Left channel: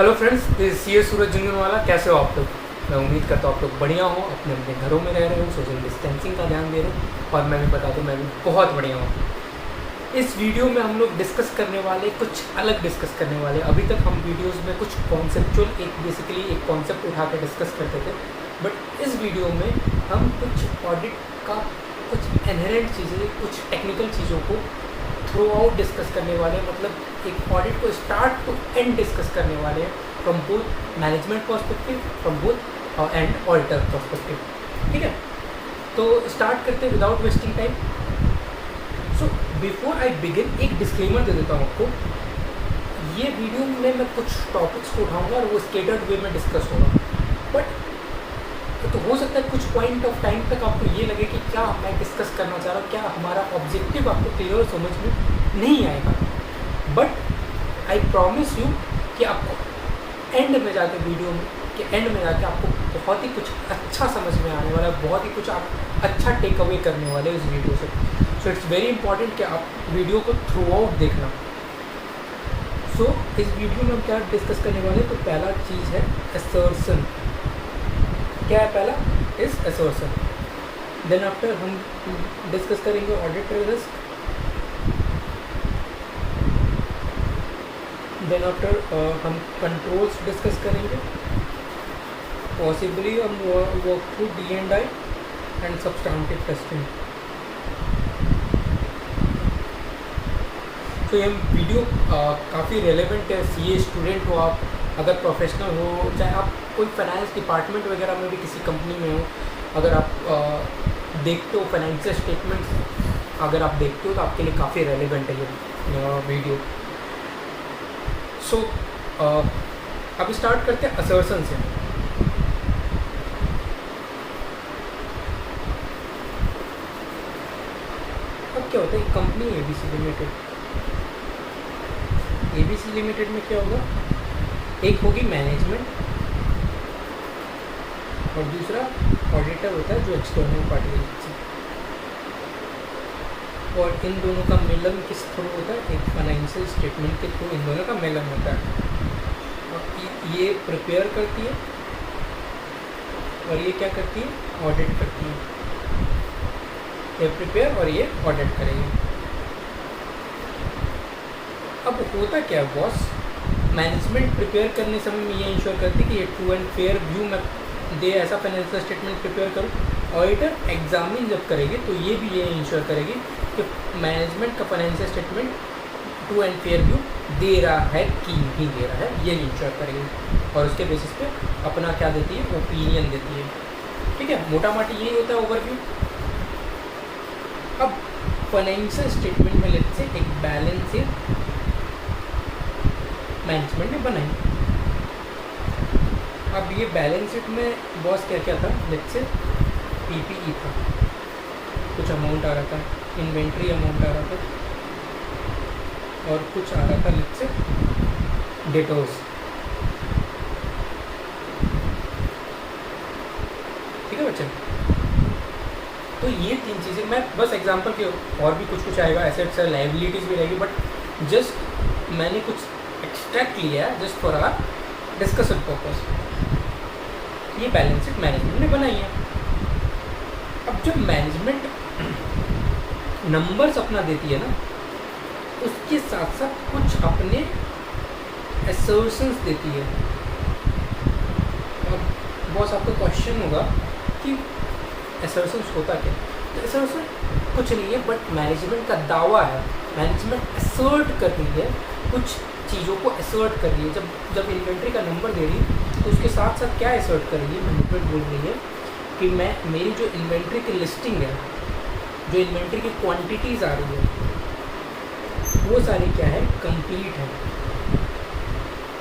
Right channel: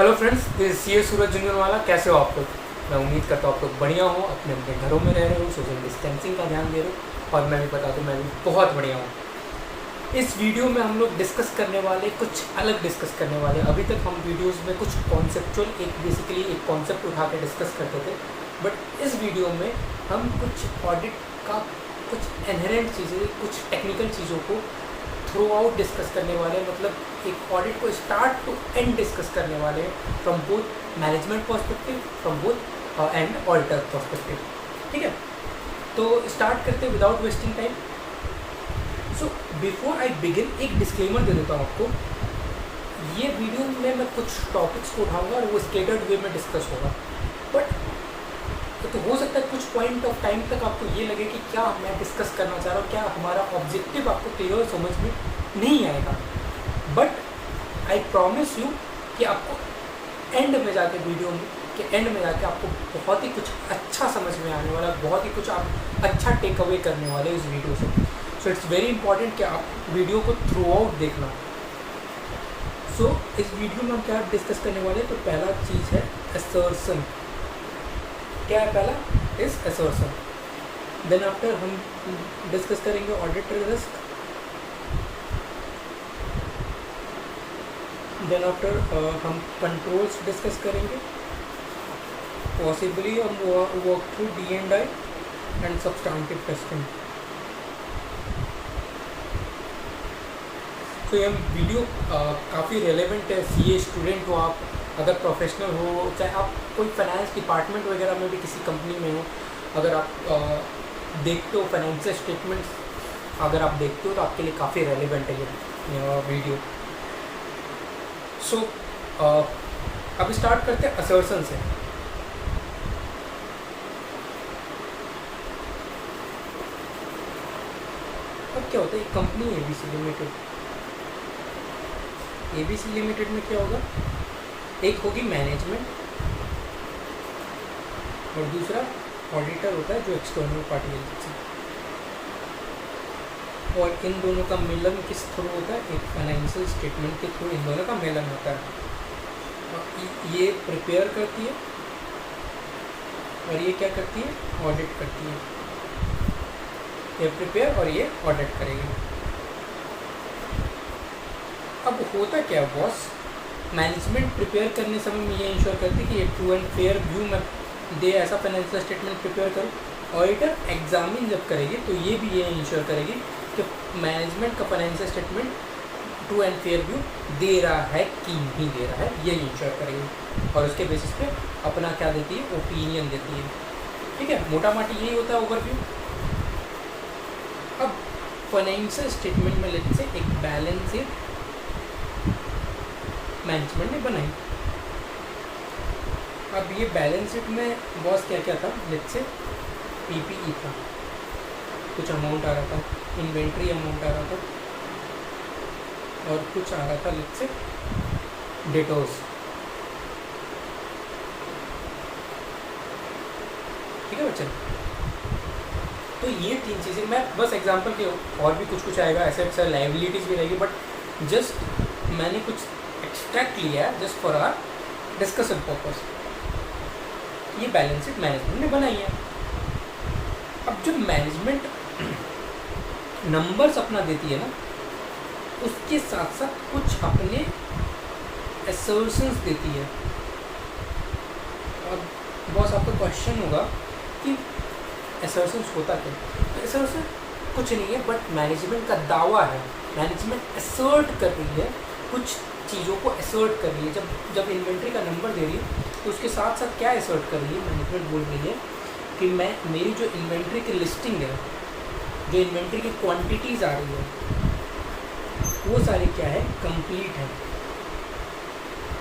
Hello friends, this सी ए सूरज झुंझुनवाला। कैसे हो आप लोग? मैं उम्मीद करता हूँ आप लोग बढ़िया हो, अपने अपने घरों में रह रहे हो, सोशल डिस्टेंसिंग का ध्यान दे रहे हो। और मैं भी बता दूँ, मैं भी बहुत बढ़िया हूँ। इस वीडियो में हम लोग डिस्कस करने वाले कुछ अलग डिस्कस करने वाले। अभी तक हम वीडियोस में कुछ कॉन्सेप्चुअल बेसिकली एक कॉन्सेप्ट उठा के डिस्कस करते थे, बट इस वीडियो में हम कुछ ऑडिट का कुछ इनहेरेंट चीज़ें, कुछ टेक्निकल चीज़ों को थ्रू आउट डिस्कस करने वाले। मतलब एक ऑडिट को स्टार्ट टू एंड डिस्कस करने वाले हैं, from both management perspective, from both and auditor perspective. ठीक है, तो स्टार्ट करते हैं without wasting time. So before I begin एक डिस्क्लेमर दे देता हूँ आपको। ये वीडियो में मैं कुछ टॉपिक्स को उठाऊंगा और वो स्केटर्ड वे में डिस्कस होगा, बट तो हो सकता है कुछ पॉइंट ऑफ टाइम तक आपको ये लगे कि क्या मैं डिस्कस करना चाह रहा हूँ, क्या हमारा ऑब्जेक्टिव आपको क्लियर समझ में नहीं आएगा। बट आई प्रॉमिस यू कि आपको एंड में जाके, वीडियो के एंड में जाके आपको बहुत ही कुछ अच्छा समझ में आने वाला है, बहुत ही कुछ आप अच्छा टेक अवे करने वाले इस वीडियो से। सो इट्स वेरी इंपॉर्टेंट कि आप वीडियो को थ्रू आउट देखना। सो इस वीडियो में हम क्या डिस्कस करने वाले हैं, तो पहला चीज़ है असर्शन। क्या है पहला? Is assertion. देन आफ्टर हम डिस्कस करेंगे ऑडिट रिस्क। देन आफ्टर हम कंट्रोल्स डिस्कस करेंगे। पॉसिबली हम work through D&I and substantive testing. तो ये वीडियो काफ़ी रेलेवेंट है। CA स्टूडेंट हो आप, अगर प्रोफेशनल हो, चाहे आप कोई फाइनेंस डिपार्टमेंट वगैरह में भी किसी कंपनी में हो, अगर आप देखते हो फाइनेंशियल स्टेटमेंट्स, अगर आप देखते हो तो आपके लिए काफ़ी रेलेवेंट है ये वीडियो। सो अब स्टार्ट करते हैं असर्शन से। अब क्या होता है, company ABC limited. ABC limited में क्या होगा, एक होगी मैनेजमेंट और दूसरा ऑडिटर होता है जो एक्सटर्नल पार्टी है। और इन दोनों का मिलन किस थ्रू होता है? एक फाइनेंशियल स्टेटमेंट के थ्रू इन दोनों का मिलन होता है। और ये प्रिपेयर करती है और ये क्या करती है? ऑडिट करती है। ये प्रिपेयर और ये ऑडिट करेगी। अब होता क्या है बॉस, मैनेजमेंट प्रिपेयर करने समय में ये इंश्योर करती है कि ये ट्रू एंड फेयर व्यू में दे, ऐसा फाइनेंशियल स्टेटमेंट प्रिपेयर करूँ। ऑडिटर एग्जामिन जब करेगी तो ये भी ये इंश्योर करेगी कि मैनेजमेंट का financial statement true and fair view दे रहा है कि नहीं दे रहा है, ये इंश्योर करेगी। और उसके बेसिस पे अपना क्या देती है? ओपिनियन देती है। ठीक है, मोटा मोटी यही होता है ओवरव्यू। अब फाइनेंशियल स्टेटमेंट में लेते से एक बैलेंस शीट मैनेजमेंट ने बनाई। अब ये बैलेंस शीट में बॉस क्या क्या था? लेट्स से PPE था, कुछ अमाउंट आ रहा था, इन्वेंट्री अमाउंट आ रहा था, और कुछ आ रहा था लेट्स से डेटर्स। ठीक है बच्चे, तो ये तीन चीज़ें मैं बस एग्जांपल के, और भी कुछ आएगा, एसेट्स है, लायबिलिटीज़ भी रहेगी, बट जस्ट मैंने कुछ एक्सट्रैक्ट लिया है just for our discussion purpose. ये बैलेंस शीट मैनेजमेंट ने बनाई है। अब जब मैनेजमेंट नंबर्स अपना देती है ना, उसके साथ साथ कुछ अपने असर्शंस देती है। और बॉस आपका क्वेश्चन होगा कि असर्शंस होता क्या? तो असर्शन कुछ नहीं है, बट मैनेजमेंट का दावा है। मैनेजमेंट असर्ट कर रही है, कुछ चीज़ों को असर्ट कर रही है। जब इन्वेंट्री का नंबर दे रही है तो उसके साथ साथ क्या असर्ट कर रही है? मैनेजमेंट बोल रही है कि मेरी जो इन्वेंट्री की लिस्टिंग है, जो इन्वेंट्री की क्वांटिटीज़ आ रही है, वो सारी क्या है? कंप्लीट है।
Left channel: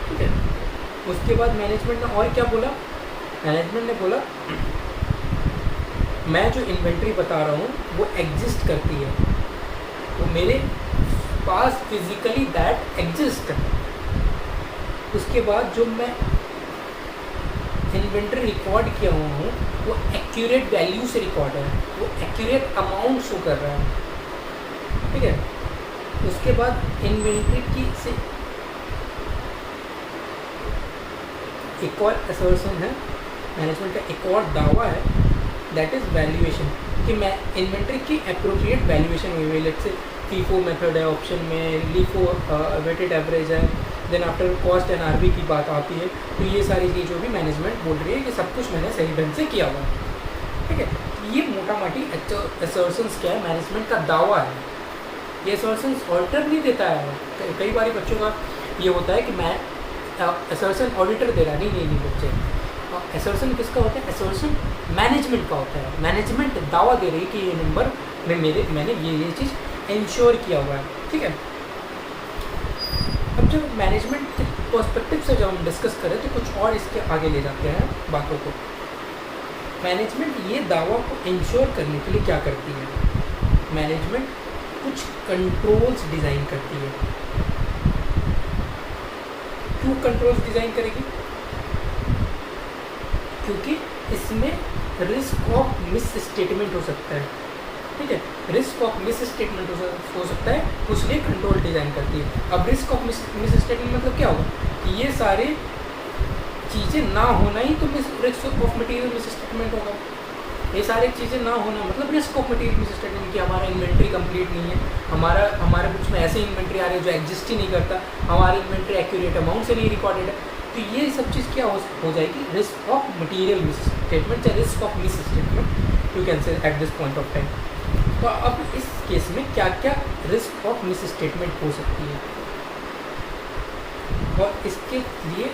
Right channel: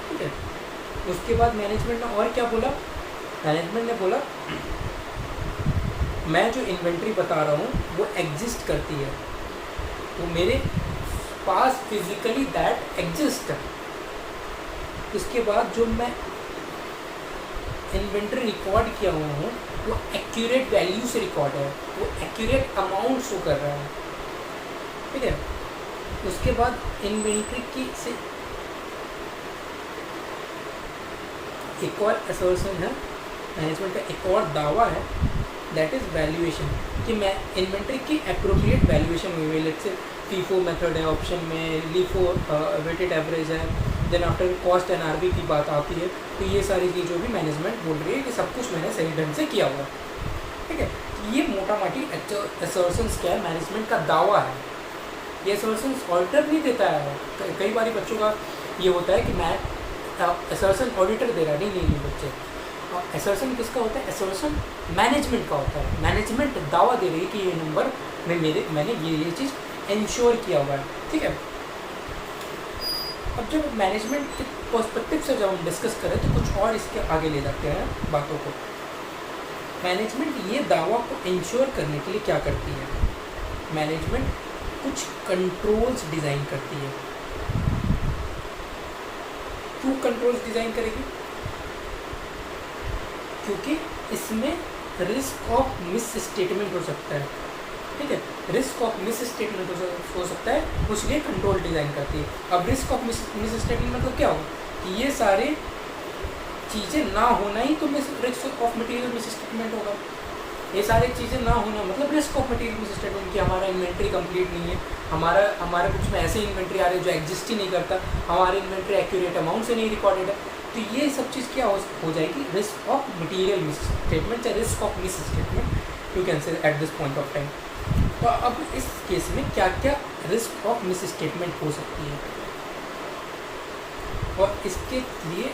ठीक है, उसके बाद मैनेजमेंट ने और क्या बोला? मैनेजमेंट ने बोला मैं जो इन्वेंट्री बता रहा हूँ वो एग्जिस्ट करती है, तो मेरे पास फिजिकली दैट एग्जिस्ट। उसके बाद जो मैं इन्वेंट्री रिकॉर्ड किया हुआ हूँ वो एक्यूरेट वैल्यू से रिकॉर्ड है, वो एक्यूरेट अमाउंट शो कर रहा है। ठीक है, उसके बाद इन्वेंट्री की से एक और असर्शन है, मैनेजमेंट का एक और दावा है, दैट इज़ वैल्यूएशन, कि मैं इन्वेंट्री की अप्रोप्रिएट वैल्यूएशन हुई है। लेट्स से फीफो मेथड है ऑप्शन में, लीफो वेटेड एवरेज है, then after cost and RV की बात आती है, तो ये सारी चीज़ भी मैनेजमेंट बोल रही है कि सब कुछ मैंने सही ढंग से किया हुआ है। ठीक है, ये मोटा माटी असर्शंस क्या है, मैनेजमेंट का दावा है। ये असर्शंस ऑडिटर नहीं देता है। कई बार बच्चों का ये होता है कि मैं असर्शन ऑडिटर दे रहा है, नहीं बच्चे, असर्शन किसका होता है, असर्शन मैनेजमेंट का होता है। मैनेजमेंट दावा दे रही है कि ये नंबर में मैंने ये चीज़ इंश्योर किया हुआ है। ठीक है, अब जब मैनेजमेंट के पर्सपेक्टिव से जब हम डिस्कस करें तो कुछ और इसके आगे ले जाते हैं बातों को। मैनेजमेंट ये दावा को इंश्योर करने के लिए क्या करती है, मैनेजमेंट कुछ कंट्रोल्स डिज़ाइन करती है। क्यों कंट्रोल्स डिज़ाइन करेगी, क्योंकि इसमें रिस्क ऑफ मिस स्टेटमेंट हो सकता है। ठीक है, रिस्क ऑफ मिस स्टेटमेंट हो सकता है, उसलिए कंट्रोल डिज़ाइन करती है। अब रिस्क ऑफ मिस स्टेटमेंट मतलब क्या होगा कि ये सारे चीज़ें ना होना ही तो risk of material miss statement होगा। ये सारी चीज़ें ना होना मतलब risk of material miss statement, कि हमारा इन्वेंट्री कंप्लीट नहीं है, हमारे बुक्स में ऐसे इन्वेंट्री आ रही है जो एग्जिस्ट ही नहीं करता, हमारी इन्वेंट्री एक्यूरेट अमाउंट से नहीं रिकॉर्डेड है, तो ये सब चीज़ क्या हो जाएगी, risk of material miss statement या risk of miss statement you can say at this point of time. तो अब इस केस में क्या क्या रिस्क ऑफ मिस स्टेटमेंट हो सकती है, और इसके लिए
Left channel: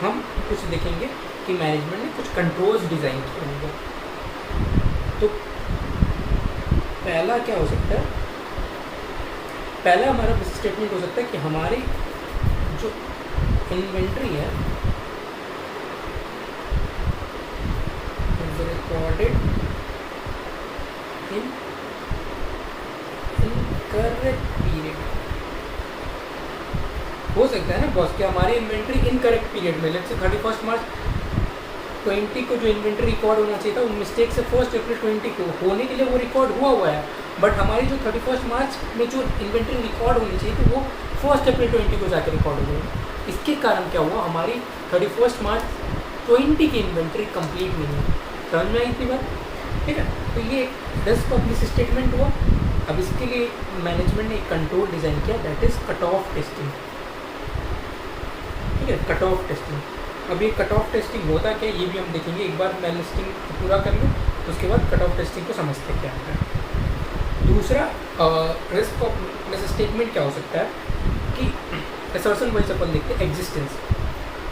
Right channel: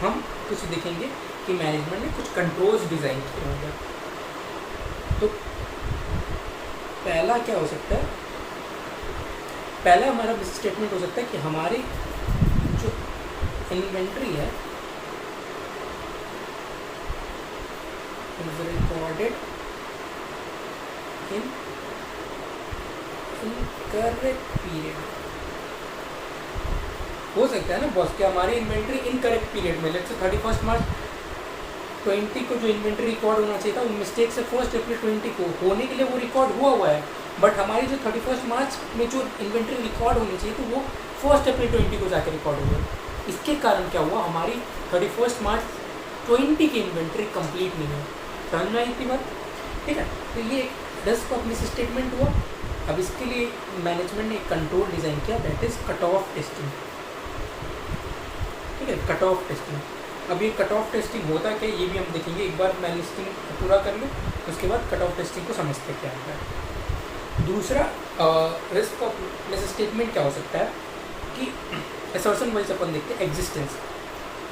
हम कुछ देखेंगे कि मैनेजमेंट ने कुछ कंट्रोल्स डिज़ाइन किए होंगे। तो पहला क्या हो सकता है, पहला हमारा मिस स्टेटमेंट हो सकता है कि हमारी जो इन्वेंट्री है रिकॉर्डेड इन इनकरेक्ट पीरियड। हो सकता है ना बॉस कि हमारी इन्वेंट्री इनकरेक्ट पीरियड में, लेट्स से 31 मार्च 20 को जो इन्वेंट्री रिकॉर्ड होना चाहिए था, उन मिस्टेक से 1 अप्रैल 20 को होने के लिए वो रिकॉर्ड हुआ है, बट हमारी जो 31 मार्च में जो इन्वेंट्री रिकॉर्ड होनी चाहिए थी वो 1 अप्रैल 20 को जाकर रिकॉर्ड हो गई। इसके कारण क्या हुआ, हमारी 31 मार्च 20 की इन्वेंट्री कंप्लीट नहीं है। समझ में आई इतनी बात? ठीक है, तो ये रिस्क ऑफ मिस स्टेटमेंट हुआ। अब इसके लिए मैनेजमेंट ने एक कंट्रोल डिज़ाइन किया, that is cut off testing. ठीक है, कट ऑफ टेस्टिंग। अब ये कट ऑफ टेस्टिंग होता क्या है ये भी हम देखेंगे। एक बार मैं लिस्टिंग पूरा कर लूँ उसके बाद कट ऑफ टेस्टिंग को समझते क्या होता है। दूसरा रिस्क ऑफ मिस स्टेटमेंट क्या हो सकता है कि असर्शन वाइज अपन देखते हैं एग्जिस्टेंस।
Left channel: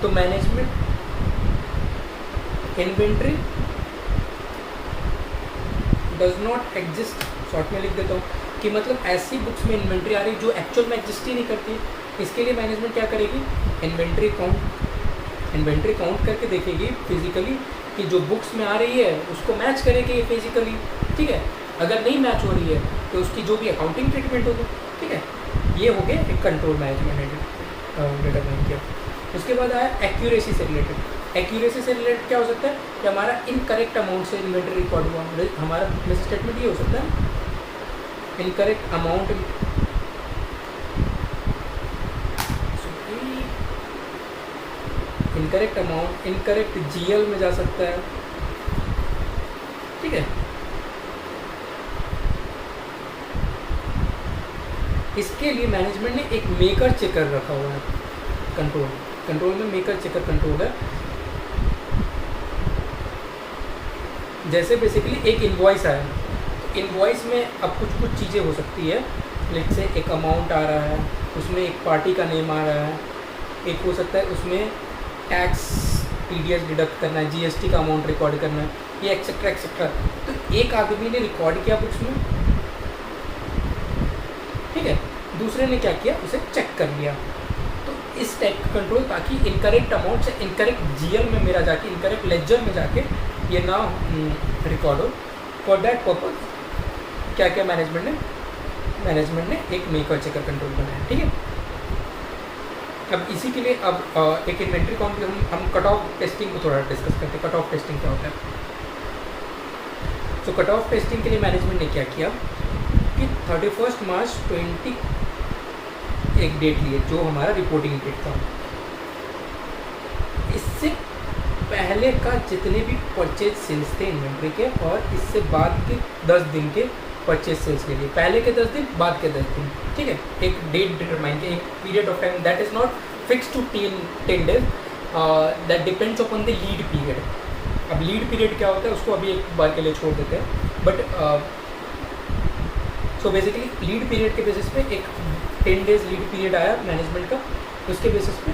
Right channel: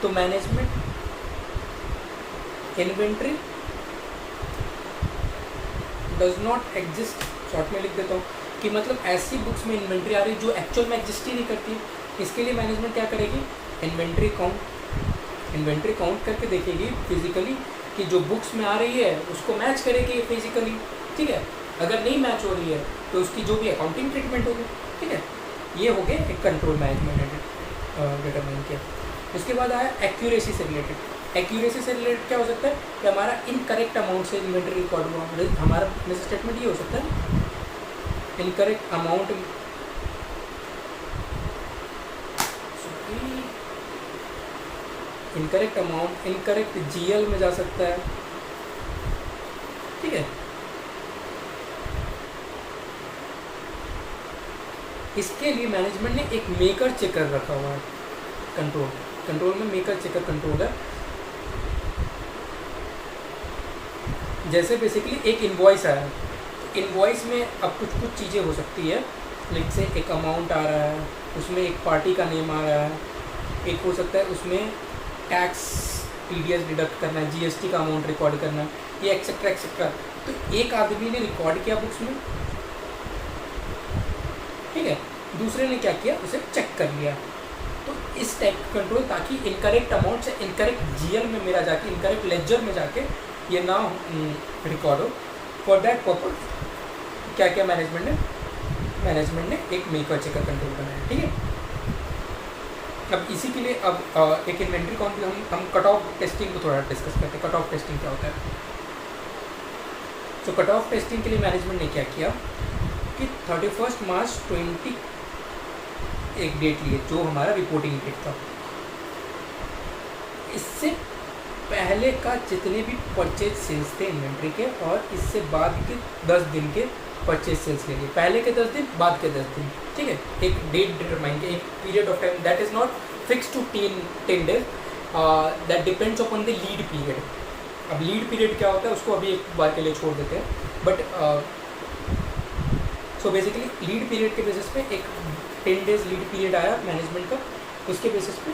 तो management inventory does not exist, short में लिख देता हूँ कि मतलब ऐसी बुक्स में इन्वेंट्री आ रही जो एक्चुअल में एग्जिस्ट ही नहीं करती है। इसके लिए मैनेजमेंट क्या करेगी, इन्वेंट्री काउंट करके देखेगी फिजिकली कि जो बुक्स में आ रही है उसको मैच करेगी फिजिकली। ठीक है, अगर नहीं मैच हो रही है तो उसकी जो भी अकाउंटिंग ट्रीटमेंट होगी। ठीक है, ये हो गया एक कंट्रोल मैनेजमेंट ने डिटरमाइन किया। उसके बाद आया एक्यूरेसी से रिलेटेड। एक्यूरेसी से रिलेटेड क्या हो सकता है कि हमारा इनकरेक्ट अमाउंट से इन्वेंट्री रिकॉर्ड हुआ, हमारा मिस स्टेटमेंट ये हो सकता है इनकरेक्ट अमाउंट, इनकरेक्ट जीएल में जा सकता है। ठीक है, इसके लिए मैनेजमेंट ने एक मेकर चेकर रखा हुआ है। कंट्रोल में मेकर चेकर कंट्रोल है। जैसे बेसिकली एक इनवॉइस आया, तो इनवॉइस में अब कुछ चीज़ें हो सकती है। लेट से एक अमाउंट आ रहा है, उसमें एक पार्टी का नेम आ रहा है, एक हो सकता है उसमें टैक्स टीडीएस डिडक्ट करना है, जीएसटी का अमाउंट रिकॉर्ड करना है, ये एक्सेट्रा एक्सेट्रा। तो एक आदमी ने रिकॉर्ड किया बुक्स में, ठीक है, दूसरे ने क्या किया, उसे चेक कर लिया। तो इस टाइप का कंट्रोल, ताकि इनकरेक्ट अमाउंट से इनकरेक्ट जीएल में मेरा जाके, इनकरेक्ट लेजर में जाके ये ना रिकॉर्ड हो। फॉर दैट पर्पज क्या क्या मैनेजमेंट ने एक मेकर चेकर कंट्रोल बनाया। ठीक है, अब इसी के लिए अब एक इन्वेंट्री काउंट हम कट ऑफ टेस्टिंग को थोड़ा डिस्कस करते हैं। कट ऑफ टेस्टिंग क्या होता है? तो कट ऑफ टेस्टिंग के लिए मैनेजमेंट ने क्या किया कि 31 मार्च 20 एक डेट लिए जो हमारा रिपोर्टिंग डेट था। इससे पहले का जितने भी परचेज सेल्स थे इन्वेंट्री के, और इससे बाद के 10 दिन के परचेज सेल्स के लिए, पहले के 10 दिन, बाद के 10 दिन, ठीक है। एक डेट डिटरमाइन, एक period of time that is not fix to 10 days, that depends upon the lead period. अब लीड पीरियड क्या होता है उसको अभी एक बार के लिए छोड़ देते हैं, but so basically lead period के बेसिस पे एक 10 डेज लीड पीरियड आया मैनेजमेंट का, उसके बेसिस पे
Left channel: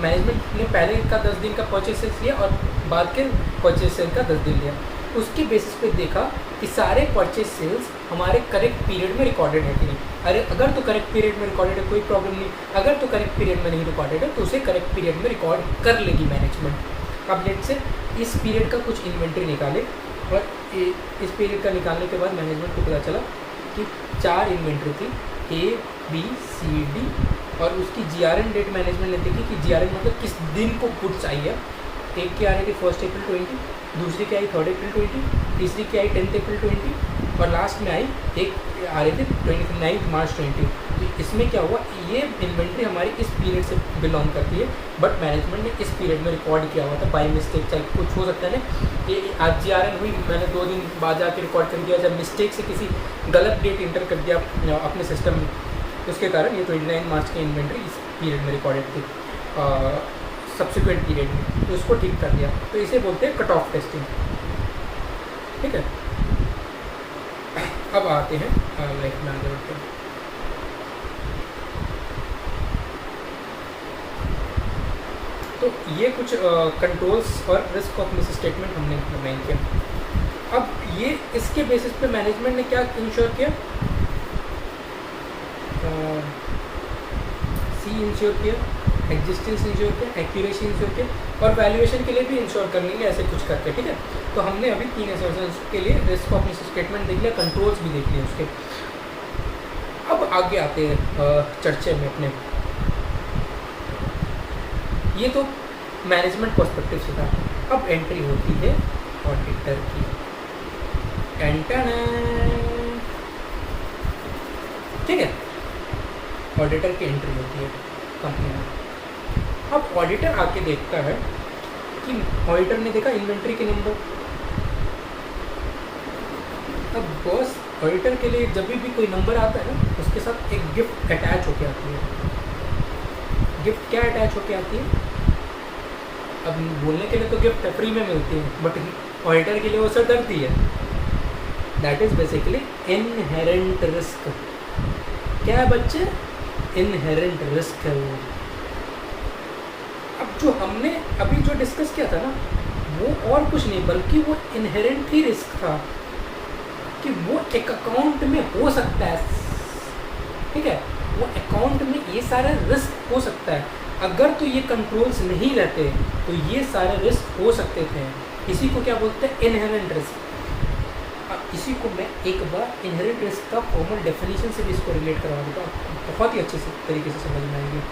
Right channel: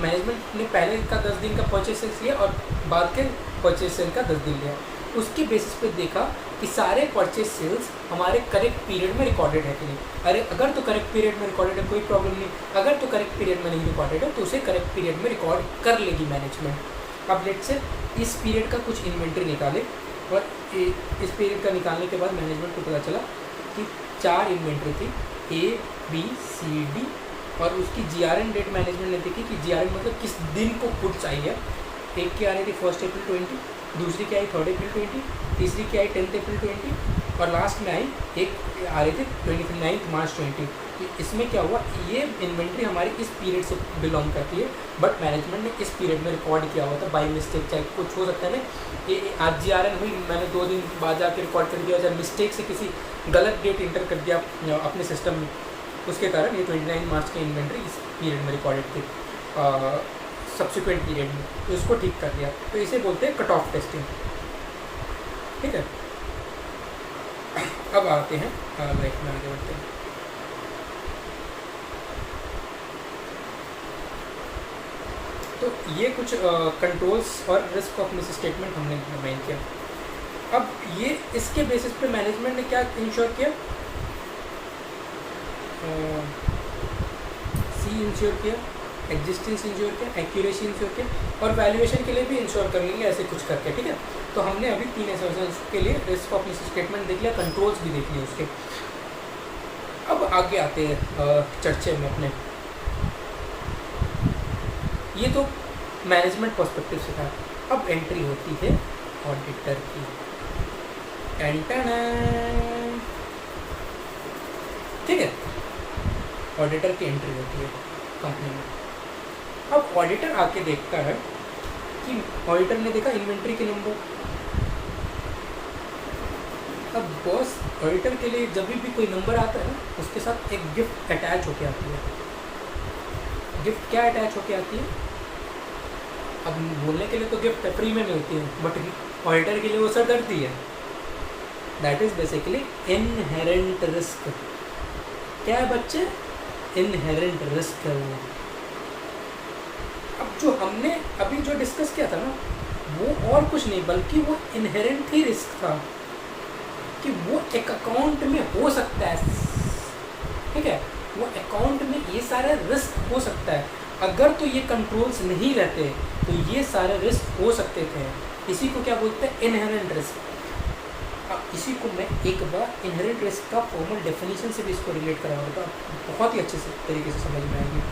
मैनेजमेंट ने पहले का 10 दिन का परचेज सेल्स लिया और बाद के परचेज सेल का 10 दिन लिया। उसके बेसिस पे देखा कि सारे परचेज सेल्स हमारे करेक्ट पीरियड में रिकॉर्डेड है कि नहीं। अरे अगर तो करेक्ट पीरियड में रिकॉर्डेड है कोई प्रॉब्लम नहीं, अगर तो करेक्ट पीरियड में नहीं रिकॉर्डेड है तो उसे करेक्ट पीरियड में रिकॉर्ड कर लेगी मैनेजमेंट। अब लेट से इस पीरियड का कुछ इन्वेंट्री निकाले, और इस पीरियड का निकालने के बाद मैनेजमेंट को पता चला कि 4 इन्वेंट्री थी, A, B, C, D, और उसकी GRN डेट मैनेजमेंट ने देखी कि GRN मतलब किस दिन को गुड्स आई है। एक की आ रही थी 1 अप्रैल 20, दूसरी की आई 3 अप्रैल 20, तीसरी की आई 10 अप्रैल 20, और लास्ट में आई एक आ रही थी 29 मार्च 20। तो इसमें क्या हुआ, ये इन्वेंट्री हमारी इस पीरियड से बिलोंग करती है, बट मैनेजमेंट ने इस पीरियड में रिकॉर्ड किया हुआ था बाई मिस्टेक। चाहे कुछ हो सकता है ना, ये आज GRN हुई, मैंने 2 दिन बाद जाके रिकॉर्ड कर दिया, जब मिस्टेक से किसी गलत डेट इंटर कर दिया अपने सिस्टम में, उसके कारण ये 29 मार्च की इन्वेंट्री इस पीरियड में रिकॉर्डेड थी सब्सिक्वेंट पीरियड में, तो इसको ठीक कर दिया। तो इसे बोलते हैं कट ऑफ टेस्टिंग, ठीक है। अब आते हैं लाइफ में, आगे बढ़ते हैं। तो ये कुछ कंट्रोल्स और रिस्क ऑफ मिस स्टेटमेंट हमने डिफाइन किया। अब ये इसके बेसिस पे मैनेजमेंट ने क्या इंश्योर किया, सी इंश्योर किया, एग्जिस्टेंस इंश्योर किया, एक्यूरेसी इंश्योर किया, और वैल्यूएशन के लिए भी इंश्योर कर लेंगे ऐसे कुछ करके, ठीक है। तो हमने अभी 3 एसेसमेंट्स के लिए रिस्क ऑफ मिस स्टेटमेंट देख लिया, कंट्रोल्स भी देख लिए उसके। अब आगे आते हैं चर्चे में अपने। ये तो मैनेजमेंट पर्सपेक्टिव से था। अब एंट्री होती है ऑडिटर की। ठीक है, ऑडिटर की एंट्री होती है कंपनी में। अब ऑडिटर आके देखता है कि ऑडिटर ने देखा इन्वेंट्री के नंबर। अब बॉस ऑडिटर के लिए जब भी कोई नंबर आता है ना, उसके साथ एक गिफ्ट अटैच होके आती है। गिफ्ट क्या अटैच होके आती है? अब बोलने के लिए तो गिफ्ट फ्री में मिलती है, बट ऑडिटर के लिए वो सरदर्दी है। That is basically inherent risk. क्या है बच्चे? इनहेरेंट रिस्क है वो। अब जो हमने अभी जो डिस्कस किया था ना, वो और कुछ नहीं बल्कि वो इनहेरेंट ही रिस्क था कि वो एक अकाउंट में हो सकता है। ठीक है, वो अकाउंट में ये सारा रिस्क हो सकता है। अगर तो ये कंट्रोल्स नहीं रहते तो ये सारे रिस्क हो सकते थे। इसी को क्या बोलते हैं? Inherent risk. अब इसी को मैं एक बार इनहेरेंट रिस्क का फॉर्मल डेफिनेशन से भी इसको रिलेट करवा दूँगा, बहुत ही अच्छे से तरीके से समझ में आएगी।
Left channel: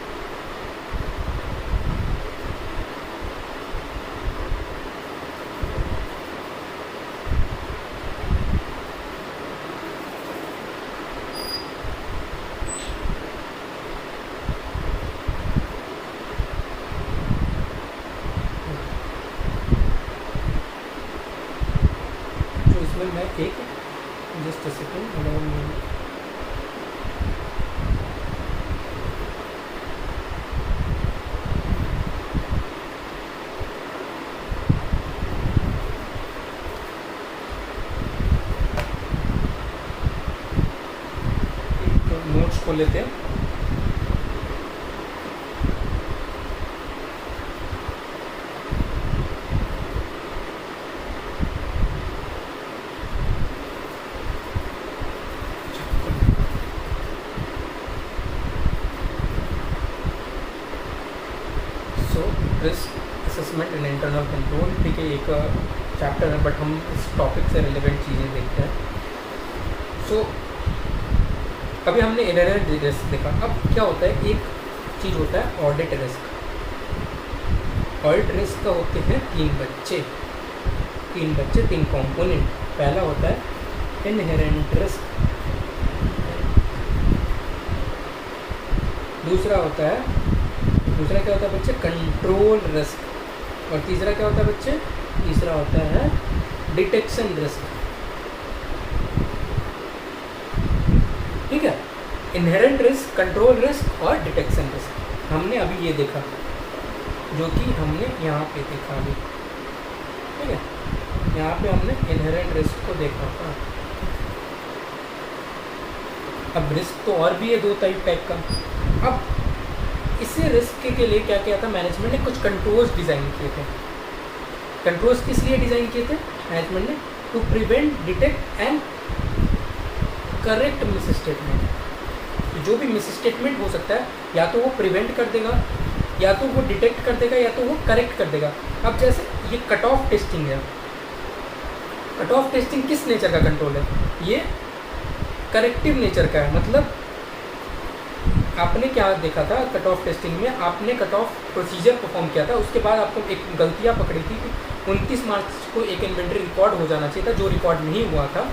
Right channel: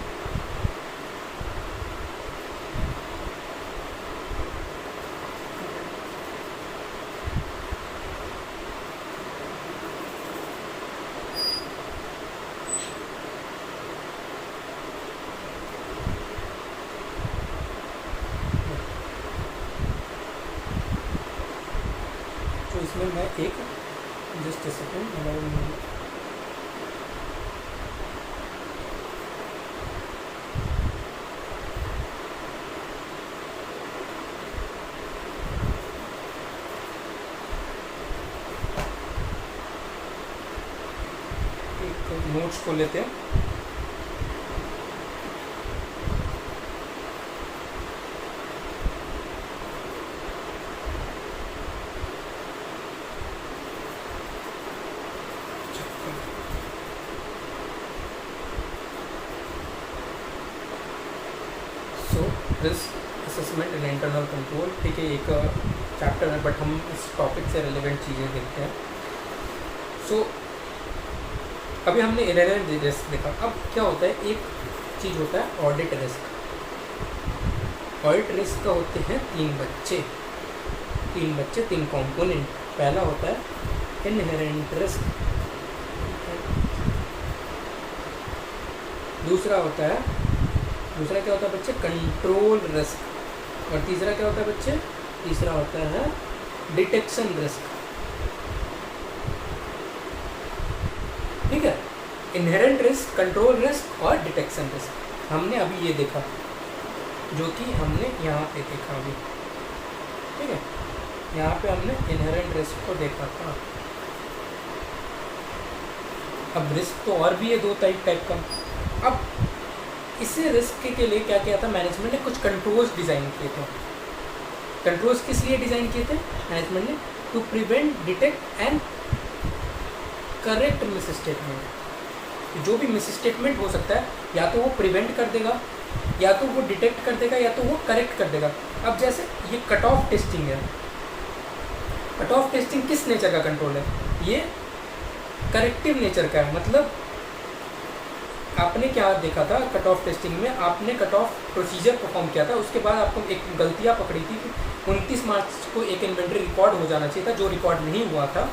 मैं एक जस्ट सेकेंड नोट्स खोल लेते हैं। Risk assessment and internal control, ठीक है, एक चैप्टर है, बट हम इस टॉपिक से रिलेवेंट चीज़ें देखते हैं। सो अभी हमने इनहेरेंट रिस्क देखा। अब क्या होता है, एक चीज़ होता है ऑडिट रिस्क। ऑडिट रिस्क का होते हैं 3 बच्चे, 3 कंपोनेंट। पहला होता है इनहेरेंट रिस्क, दूसरा क्या होता है बच्चे? कंट्रोल रिस्क, और तीसरा क्या होता है बच्चे? तीसरा होता है डिटेक्शन रिस्क। ठीक है, इनहेरेंट रिस्क, कंट्रोल रिस्क और डिटेक्शन रिस्क। हमने अभी ये देखा, जो कि हमने यहाँ पे देखा अभी। ठीक है, यहाँ पे हमने इनहेरेंट रिस्क को देखा था। अब रिस्क तो और भी है दो टाइप का। अब इसे रिस्क के लिए क्या किया था मैनेजमेंट ने? कुछ कंट्रोल्स डिज़ाइन किए थे। कंट्रोल्स किस लिए डिज़ाइन किए थे मैनेजमेंट ने? To prevent, detect and correct miss statement. जो भी मिस स्टेटमेंट हो सकता है, या तो वो प्रिवेंट कर देगा, या तो वो डिटेक्ट कर देगा, या तो वो करेक्ट कर देगा। अब जैसे ये कट ऑफ टेस्टिंग है, कट ऑफ टेस्टिंग किस नेचर का कंट्रोल है? ये करेक्टिव नेचर का है। मतलब आपने क्या देखा था कट ऑफ टेस्टिंग में? आपने कट ऑफ प्रोसीजर परफॉर्म किया था, उसके बाद आपको एक गलतियाँ पकड़ी थी कि 29 मार्च को एक इन्वेंट्री रिकॉर्ड हो जाना चाहिए था, जो रिकॉर्ड नहीं हुआ था।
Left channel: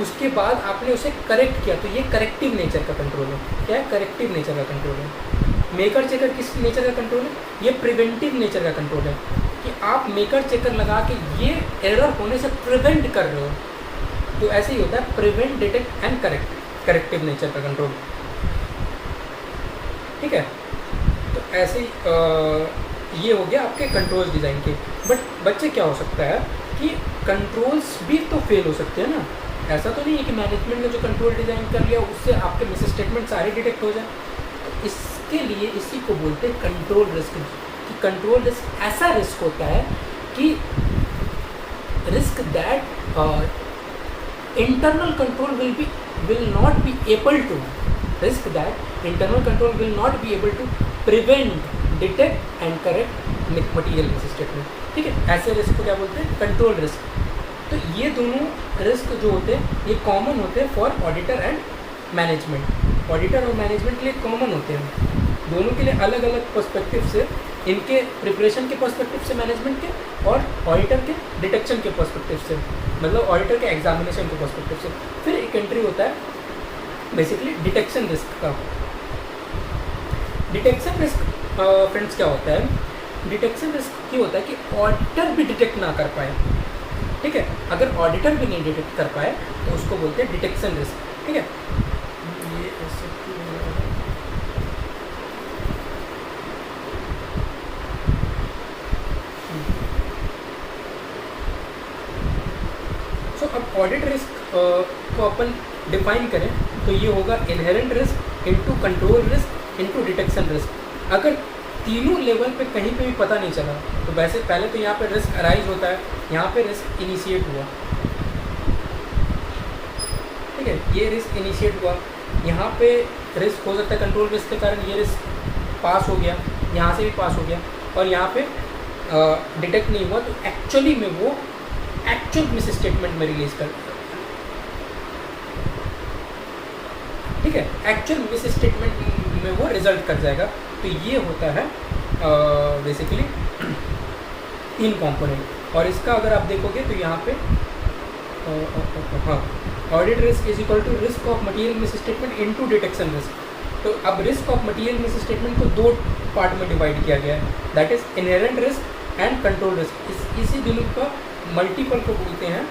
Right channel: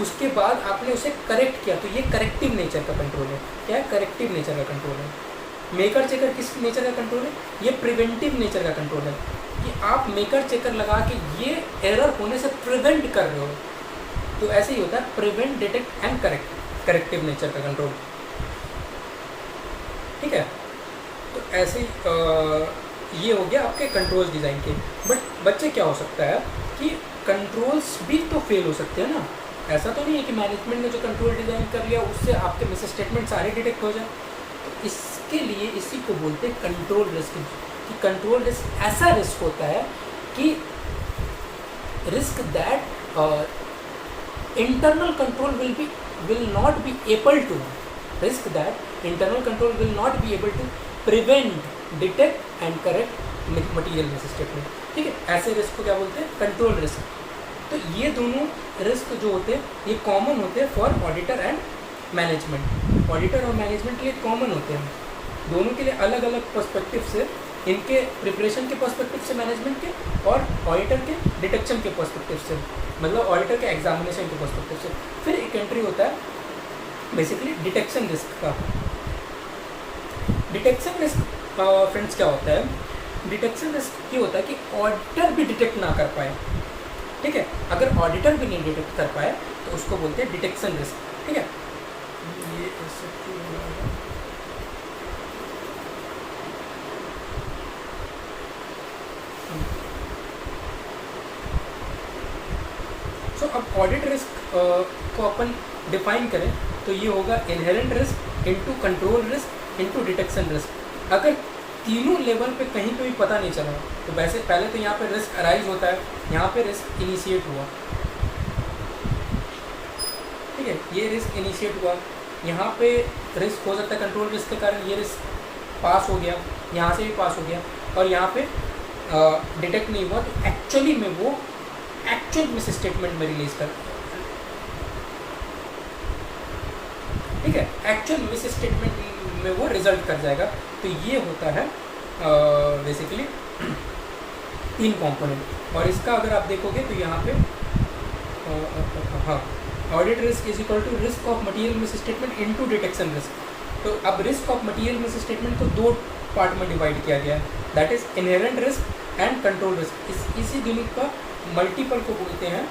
उसके बाद आपने उसे करेक्ट किया, तो ये करेक्टिव नेचर का कंट्रोल है। क्या है? करेक्टिव नेचर का कंट्रोल है। मेकर चेकर किस नेचर का कंट्रोल है? ये प्रिवेंटिव नेचर का कंट्रोल है, कि आप मेकर चेकर लगा के ये एरर होने से प्रिवेंट कर रहे हो। तो ऐसे ही होता है prevent, detect and correct, corrective nature का कंट्रोल। ठीक है, तो ऐसे ही ये हो गया आपके कंट्रोल्स डिज़ाइन के। बट बच्चे क्या हो सकता है कि कंट्रोल्स भी तो फेल हो सकते हैं ना। ऐसा तो नहीं है कि मैनेजमेंट ने जो कंट्रोल डिज़ाइन कर लिया उससे आपके मिस स्टेटमेंट सारे डिटेक्ट हो जाए। तो इसके लिए इसी को बोलते हैं कंट्रोल रिस्क। कि कंट्रोल रिस्क ऐसा रिस्क होता है कि risk that internal control will not be able to, risk that internal control will not be able to prevent, detect and correct material misstatement। ठीक है, ऐसे रिस्क को क्या बोलते हैं? Control risk. तो ये दोनों रिस्क जो होते हैं ये कॉमन होते हैं for auditor and management. Auditor और मैनेजमेंट के लिए कॉमन होते हैं, दोनों के लिए अलग अलग पर्सपेक्टिव से, इनके प्रिपरेशन के पर्सपेक्टिव से मैनेजमेंट के, और ऑडिटर के डिटेक्शन के पर्सपेक्टिव से, मतलब ऑडिटर के एग्जामिनेशन के पर्सपेक्टिव से। फिर एक एंट्री होता है बेसिकली डिटेक्शन रिस्क का। डिटेक्शन रिस्क फ्रेंड्स क्या होता है? डिटेक्शन रिस्क ये होता है कि ऑडिटर भी डिटेक्ट ना कर पाए। ठीक है, अगर ऑडिटर भी नहीं डिटेक्ट कर पाए तो उसको बोलते हैं डिटेक्शन रिस्क। ठीक है, ये ऐसे क्यों हो रहा है? सो अब ऑडिट रिस्क को अपन डिफाइन करें तो ये होगा inherent risk into control risk into detection risk. अगर तीनों लेवल पे कहीं पे भी पता नहीं चला तो वैसे पहले तो यहाँ पे रिस्क अराइज होता है, यहाँ पे रिस्क इनिशिएट हुआ। ठीक है, ये रिस्क इनिशिएट हुआ, यहाँ पे रिस्क हो सकता है कंट्रोल रिस्क के कारण ये रिस्क पास हो गया, यहाँ से भी पास हो गया, और यहाँ पे डिटेक्ट नहीं हुआ, तो एक्चुअली में वो एक्चुअल मिस स्टेटमेंट में रिलीज कर, ठीक है, एक्चुअल मिस स्टेटमेंट में वो रिजल्ट कर जाएगा। तो ये होता है बेसिकली 3 कंपोनेंट। और इसका अगर आप देखोगे तो यहाँ पे हाँ, audit risk is equal to risk of material miss statement into detection risk. तो अब risk of material miss statement को 2 पार्ट में डिवाइड किया गया है, that is inherent risk and control risk. इसी दोनों का मल्टीपल को बोलते हैं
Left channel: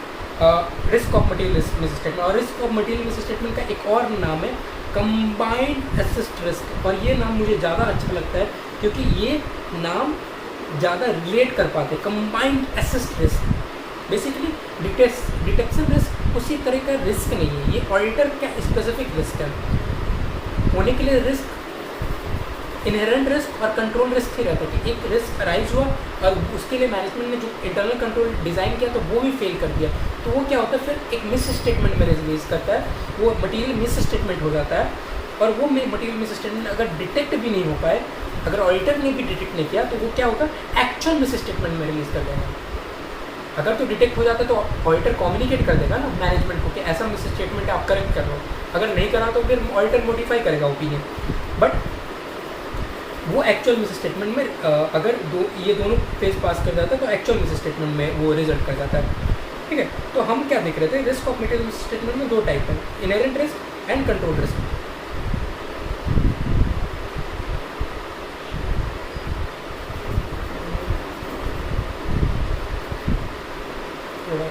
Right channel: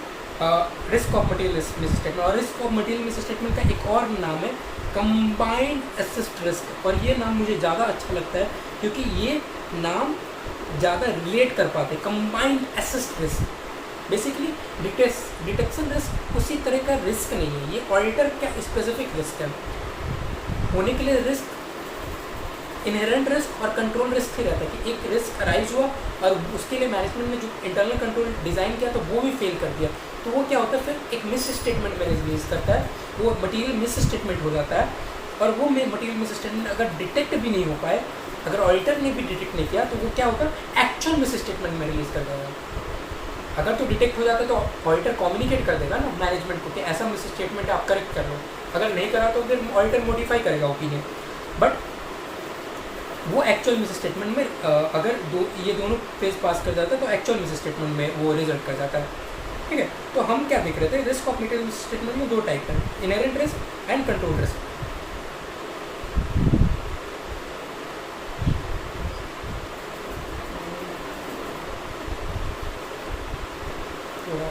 risk of material miss statement. और risk of material miss statement का एक और नाम है कंबाइंड असिस्ट रिस्क। और ये नाम मुझे ज़्यादा अच्छा लगता है क्योंकि ये नाम ज़्यादा रिलेट कर पाते हैं। Combined assist risk basically detection risk उसी तरह का रिस्क नहीं है, ये ऑडिटर का स्पेसिफिक रिस्क है। होने के लिए रिस्क इनहेरेंट रिस्क और कंट्रोल रिस्क ही रहता है कि एक रिस्क अराइज हुआ और उसके लिए मैनेजमेंट ने जो इंटरनल कंट्रोल डिज़ाइन किया तो वो भी फेल कर दिया, तो वो क्या होता है फिर एक मिस स्टेटमेंट में रिलीज करता है, वो मटेरियल मिस स्टेटमेंट हो जाता है। और वो मटेरियल मिस स्टेटमेंट अगर डिटेक्ट भी नहीं हो पाए, अगर ऑडिटर ने भी डिटेक्ट नहीं किया, तो वो क्या होगा एक्चुअल मिस स्टेटमेंट में रिलीज कर देगा। अगर तो डिटेक्ट हो जाता है तो ऑडिटर कम्युनिकेट कर देगा ना मैनेजमेंट को कि ऐसा मिस स्टेटमेंट आप करेक्ट कर लो। अगर नहीं करा तो फिर ऑडिटर मॉडिफाई करेगा ओपिनियन। बट वो एक्चुअल मिस स्टेटमेंट में अगर ये दोनों फेज पास कर जाता है तो एक्चुअल मिस स्टेटमेंट में वो रिजल्ट कर जाता है। ठीक है, तो हम क्या देख रहे थे, risk of material miss statement में 2 टाइप है, inherent risk and control risk. थोड़ा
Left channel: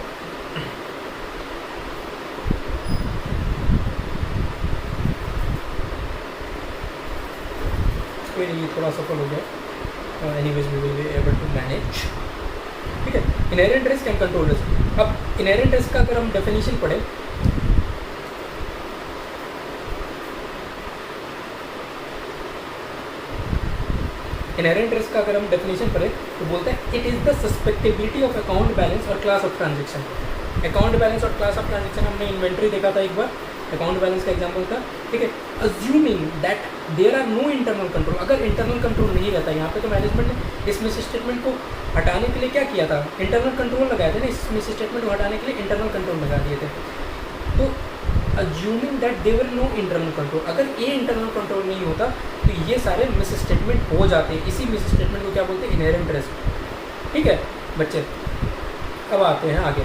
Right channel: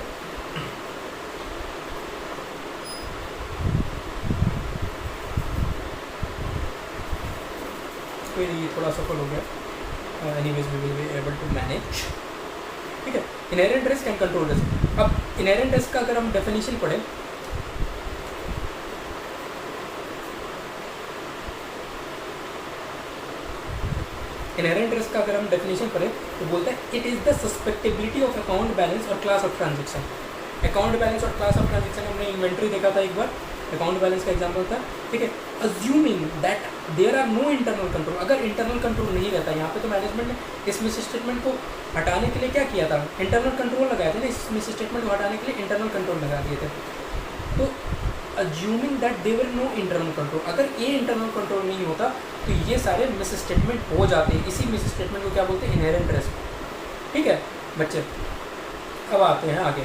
कोई नहीं, थोड़ा सफल हो गया। Anyways we will be able to manage. ठीक है, inherent risk and control risk. अब इनहेरेंट रिस्क का अगर हम डेफिनेशन पढ़ें, इनहेरेंट रिस्क का अगर हम डेफिनेशन पढ़ें तो बोलता है it is the susceptibility of account balance और class of transaction. Account balance और क्लास ऑफ ट्रांजेक्शन हमने इन्वेंट्री देखा था एक बार, अकाउंट बैलेंस का एग्जाम्पल था। ठीक है, assuming that there are no internal control. अगर इंटरनल कंट्रोल नहीं रहता, यहाँ पे तो मैनेजमेंट ने इस मिस स्टेटमेंट को हटाने के लिए क्या किया था, इंटरनल कंट्रोल लगाए थे ना, इस मिस स्टेटमेंट को हटाने के लिए इंटरनल कंट्रोल लगा दिए थे। तो assuming that there were no internal control, अगर ये इंटरनल कंट्रोल नहीं होता तो ये सारे मिस स्टेटमेंट हो जाते हैं। इसी मिस स्टेटमेंट को क्या बोलते हैं, इनहेरेंट रिस्क। ठीक है बच्चे, अब आते हैं आगे।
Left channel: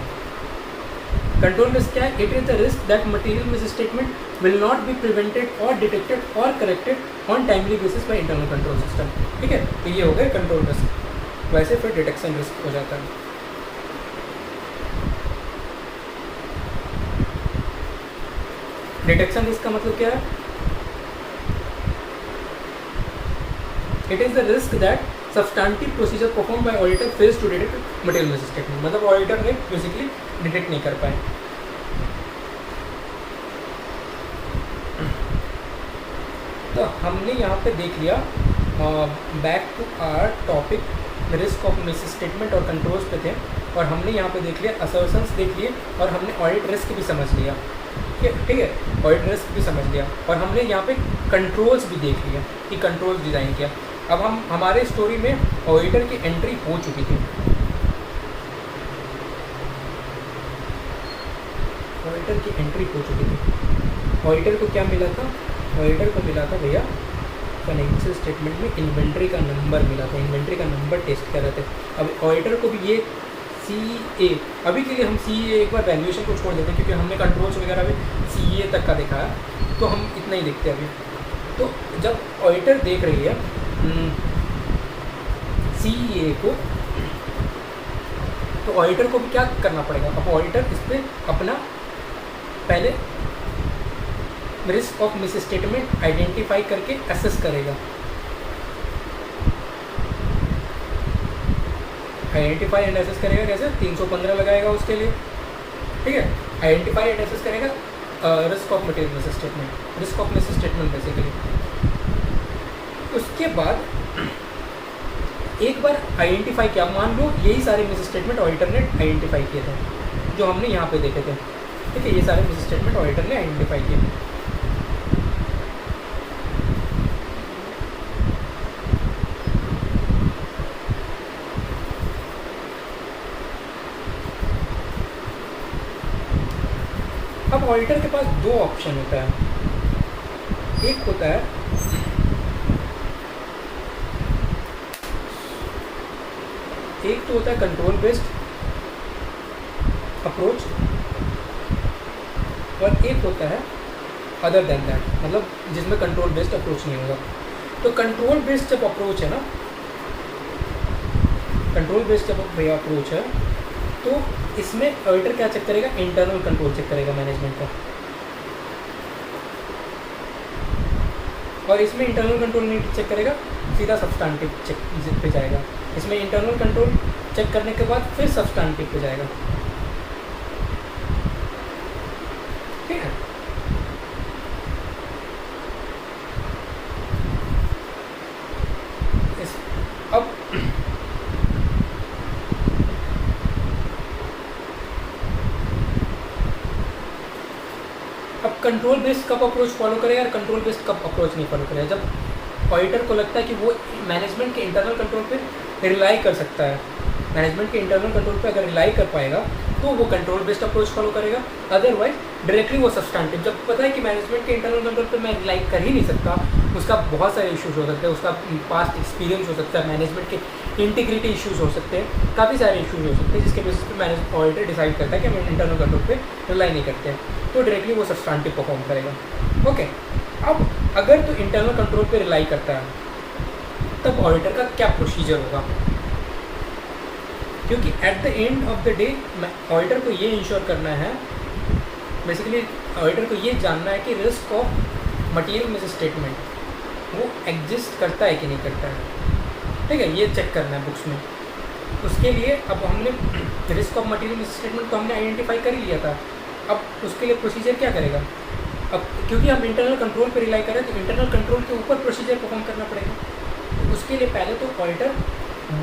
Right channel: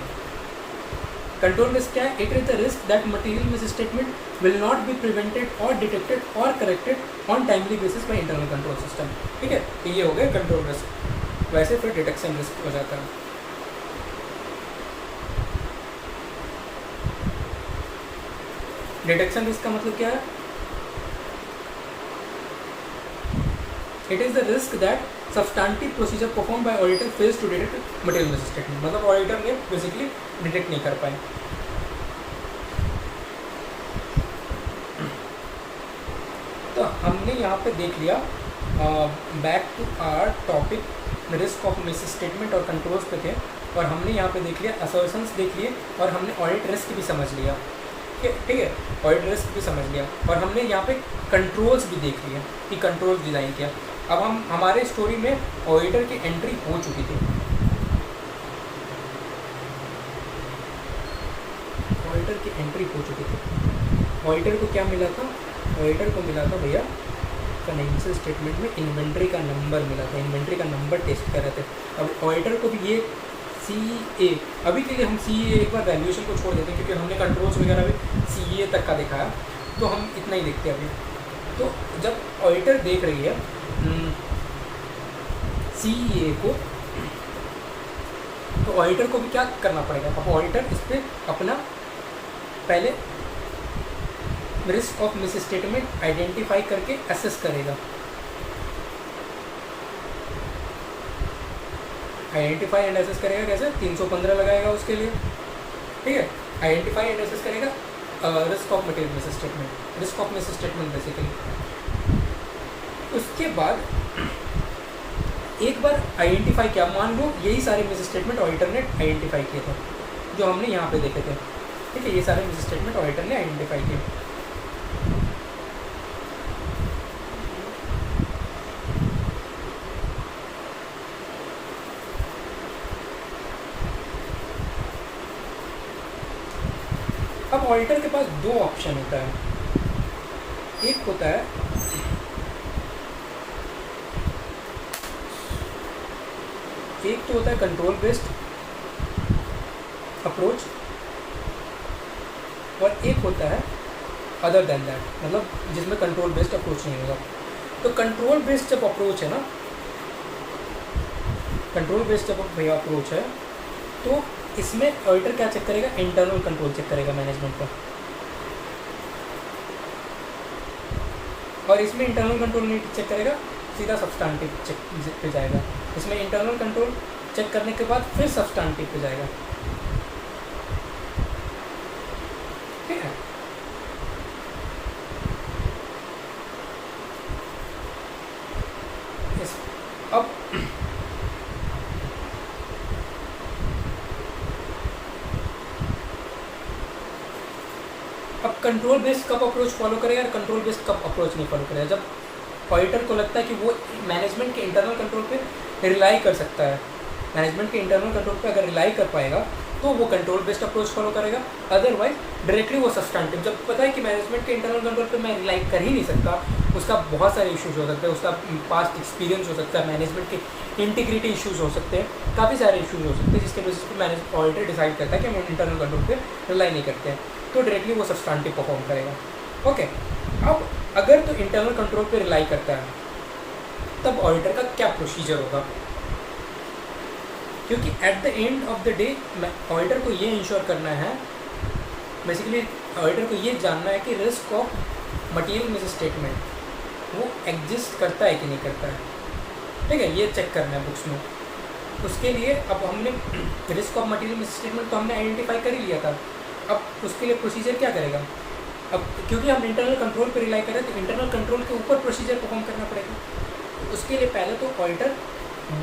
कंट्रोल रिस्क क्या है? It is the risk that material miss statement will not be prevented और डिटेक्टेड और corrected on timely basis by internal control system. ठीक है, तो ये हो गए कंट्रोल रिस्क। वैसे फिर डिटेक्शन रिस्क हो जाता है। डिटेक्शन रिस्क का मतलब क्या है? It is the risk that substantive procedure perform by auditor fails to detect material miss statement. मतलब ऑडिटर ने बेसिकली डिटेक्ट नहीं कर पाए। तो हमने यहाँ पे देख लिया, back to our topic risk of miss statement और कंट्रोल्स पे थे, और हमने यहाँ पे देख लिया असर्शंस देख लिए, और हमने ऑडिट रिस्क भी समझ लिया। ठीक है, ऑडिट रिस्क भी समझ लिया, और हमने यहाँ पे कंट्रोल्स भी देख लिया कि कंट्रोल्स डिज़ाइन किया। अब हम हमारे स्टोरी में ऑडिटर की एंट्री हो चुकी थी। ऑडिटर की एंट्री हो चुकी थी। ऑडिटर को क्या मिला था? ऑडिटर को मिला था भैया फाइनेंशियल स्टेटमेंट में इन्वेंट्री का नंबर मिला था। इन्वेंट्री का नंबर टेस्ट कर रहे थे। अब ऑडिटर को भी ये CA, अभी के लिए हम CA एक बार वैल्यूएशन को छोड़ देते हैं क्योंकि हमने कंट्रोल्स वगैरह भी CA तक का देखा है, तो हम इतना ही देखते हैं अभी। तो जब ऑडिटर देख रही है CA को, तो ऑडिटर को भी क्या करना पड़ेगा? अब ऑडिटर इस पर अपना पहले risk of miss statement identify करके असेस करेगा। आइडेंटिफाई एंड असेस करेगा कैसे? 315 लगाएगा उसके लिए। ठीक है, आइडेंटिफाई एंड असेस करेगा risk of material miss statement, risk of miss statement basically. उसके बाद एक बार आइडेंटिफाई किया, मान लो यही सारे मिस स्टेटमेंट ऑडिटर ने आइडेंटिफाई किए थे जो हमने यहाँ पे देखे थे। ठीक है, ये सारे मिस स्टेटमेंट ऑडिटर ने आइडेंटिफाई किए थे। अब ऑडिटर के पास दो ऑप्शन होता है। एक होता है एक तो होता है कंट्रोल बेस्ड अप्रोच, और एक होता है अदर देन दैट, मतलब जिसमें कंट्रोल बेस्ड अप्रोच नहीं होगा। तो कंट्रोल बेस्ड जब अप्रोच है ना, कंट्रोल बेस्ड जब भैया अप्रोच है, तो इसमें ऑडिटर क्या चेक करेगा? इंटरनल कंट्रोल चेक करेगा मैनेजमेंट का। और इसमें इंटरनल कंट्रोल नहीं चेक करेगा, सीधा सब्सटैंटिव चेक पे जाएगा। इसमें इंटरनल कंट्रोल चेक करने के बाद फिर सब्सटैंटिव पे जाएगा। ठीक है, अब कंट्रोल बेस्ड कब अप्रोच फॉलो करेगा और कंट्रोल बेस्ड कब अप्रोच नहीं फॉलो करेगा? जब ऑडिटर को लगता है कि वो मैनेजमेंट के इंटरनल कंट्रोल पे रिलाई कर सकता है, मैनेजमेंट के इंटरनल कंट्रोल पे अगर रिलाई कर पाएगा तो वो कंट्रोल बेस्ड अप्रोच फॉलो करेगा। अदरवाइज डायरेक्टली वो सब्सटैंटिव, जब पता है कि मैनेजमेंट के इंटरनल कंट्रोल पे मैं रिलाई कर ही नहीं सकता, उसका बहुत सारे इश्यूज हो सकते हैं, उसका पास्ट एक्सपीरियंस हो सकता है, मैनेजमेंट के इंटीग्रिटी इश्यूज हो सकते हैं, काफ़ी सारे इश्यूज हो सकते हैं, जिसके बेसिस पे मैनेज ऑडिटर डिसाइड करता है कि हम इंटरनल कंट्रोल पे रिलाई नहीं करते हैं, तो डायरेक्टली वो सब्सटैंटिव परफॉर्म करेगा। ओके, अब अगर तो इंटरनल कंट्रोल पे रिलाई करता है, तब ऑडिटर का क्या प्रोसीजर होगा? क्योंकि at the end of the day auditor को ये इंश्योर करना है, बेसिकली ऑडिटर को ये जानना है कि risk of material miss statement वो एग्जिस्ट करता है कि नहीं करता है, ठीक है, ये चेक करना है बुक्स में। उसके लिए अब हमने risk of material miss statement तो हमने आइडेंटिफाई कर ही लिया था। अब उसके लिए प्रोसीजर क्या करेगा, अब क्योंकि हम इंटरनल कंट्रोल पर रिलाई करें तो इंटरनल कंट्रोल के ऊपर प्रोसीजर परफॉर्म करना पड़ेगा। तो उसके लिए पहले तो ऑडिटर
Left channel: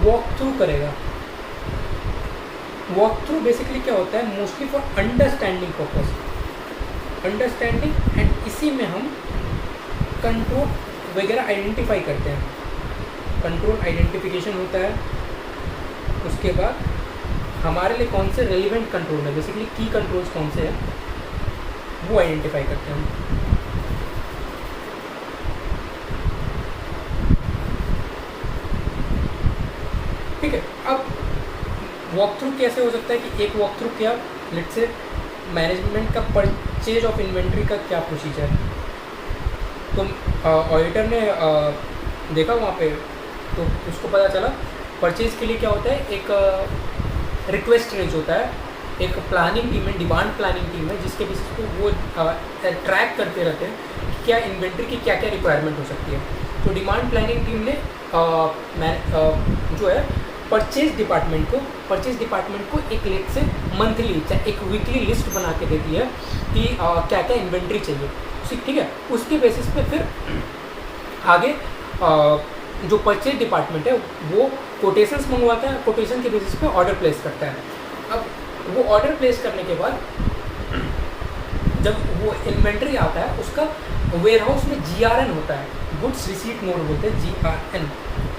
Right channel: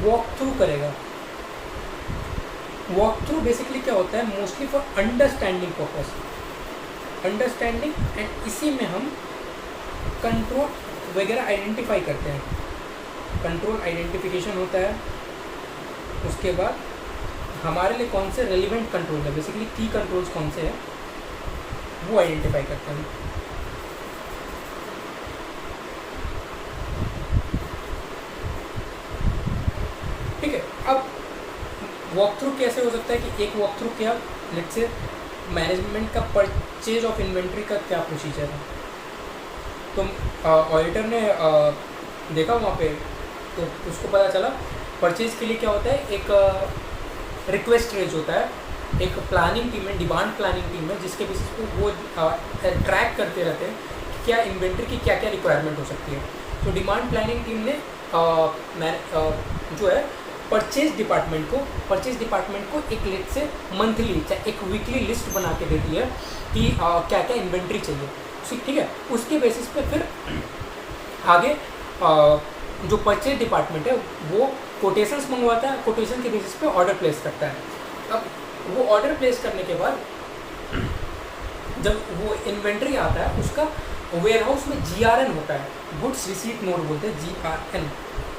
वॉक थ्रू करेगा। वॉक थ्रू बेसिकली क्या होता है, mostly for understanding purpose, understanding, and इसी में हम कंट्रोल वगैरह आइडेंटिफाई करते हैं। कंट्रोल आइडेंटिफिकेशन होता है, उसके बाद हमारे लिए कौन से रेलिवेंट कंट्रोल है, बेसिकली की कंट्रोल्स कौन से हैं वो आइडेंटिफाई करते हैं। ठीक है, अब वॉक थ्रू कैसे हो सकता है कि एक वॉक थ्रू क्या, लेट्स से मैनेजमेंट का परचेज ऑफ इन्वेंट्री का क्या प्रोसीजर है। तो ऑडिटर ने देखा वहाँ पे तो उसको पता चला परचेज के लिए क्या होता है, एक रिक्वेस्ट रेज होता है, एक प्लानिंग टीम है, डिमांड प्लानिंग टीम है, जिसके बेसिस पे वो ट्रैक करते रहते हैं कि क्या इन्वेंट्री की क्या क्या रिक्वायरमेंट हो सकती है। तो डिमांड प्लानिंग टीम ने जो है परचेज डिपार्टमेंट को एक लेट से मंथली चाहे एक वीकली लिस्ट बना के देती है कि क्या क्या इन्वेंट्री चाहिए, ठीक है। उसके बेसिस पे फिर आगे जो परचेज डिपार्टमेंट है वो कोटेशंस मंगवाता है, कोटेशन के बेसिस पे ऑर्डर प्लेस करता है। अब वो ऑर्डर प्लेस करने के बाद जब वो इन्वेंट्री आता है उसका वेयर हाउस में GRN होता है, गुड्स रिसीट नोट बोलते हैं, GRN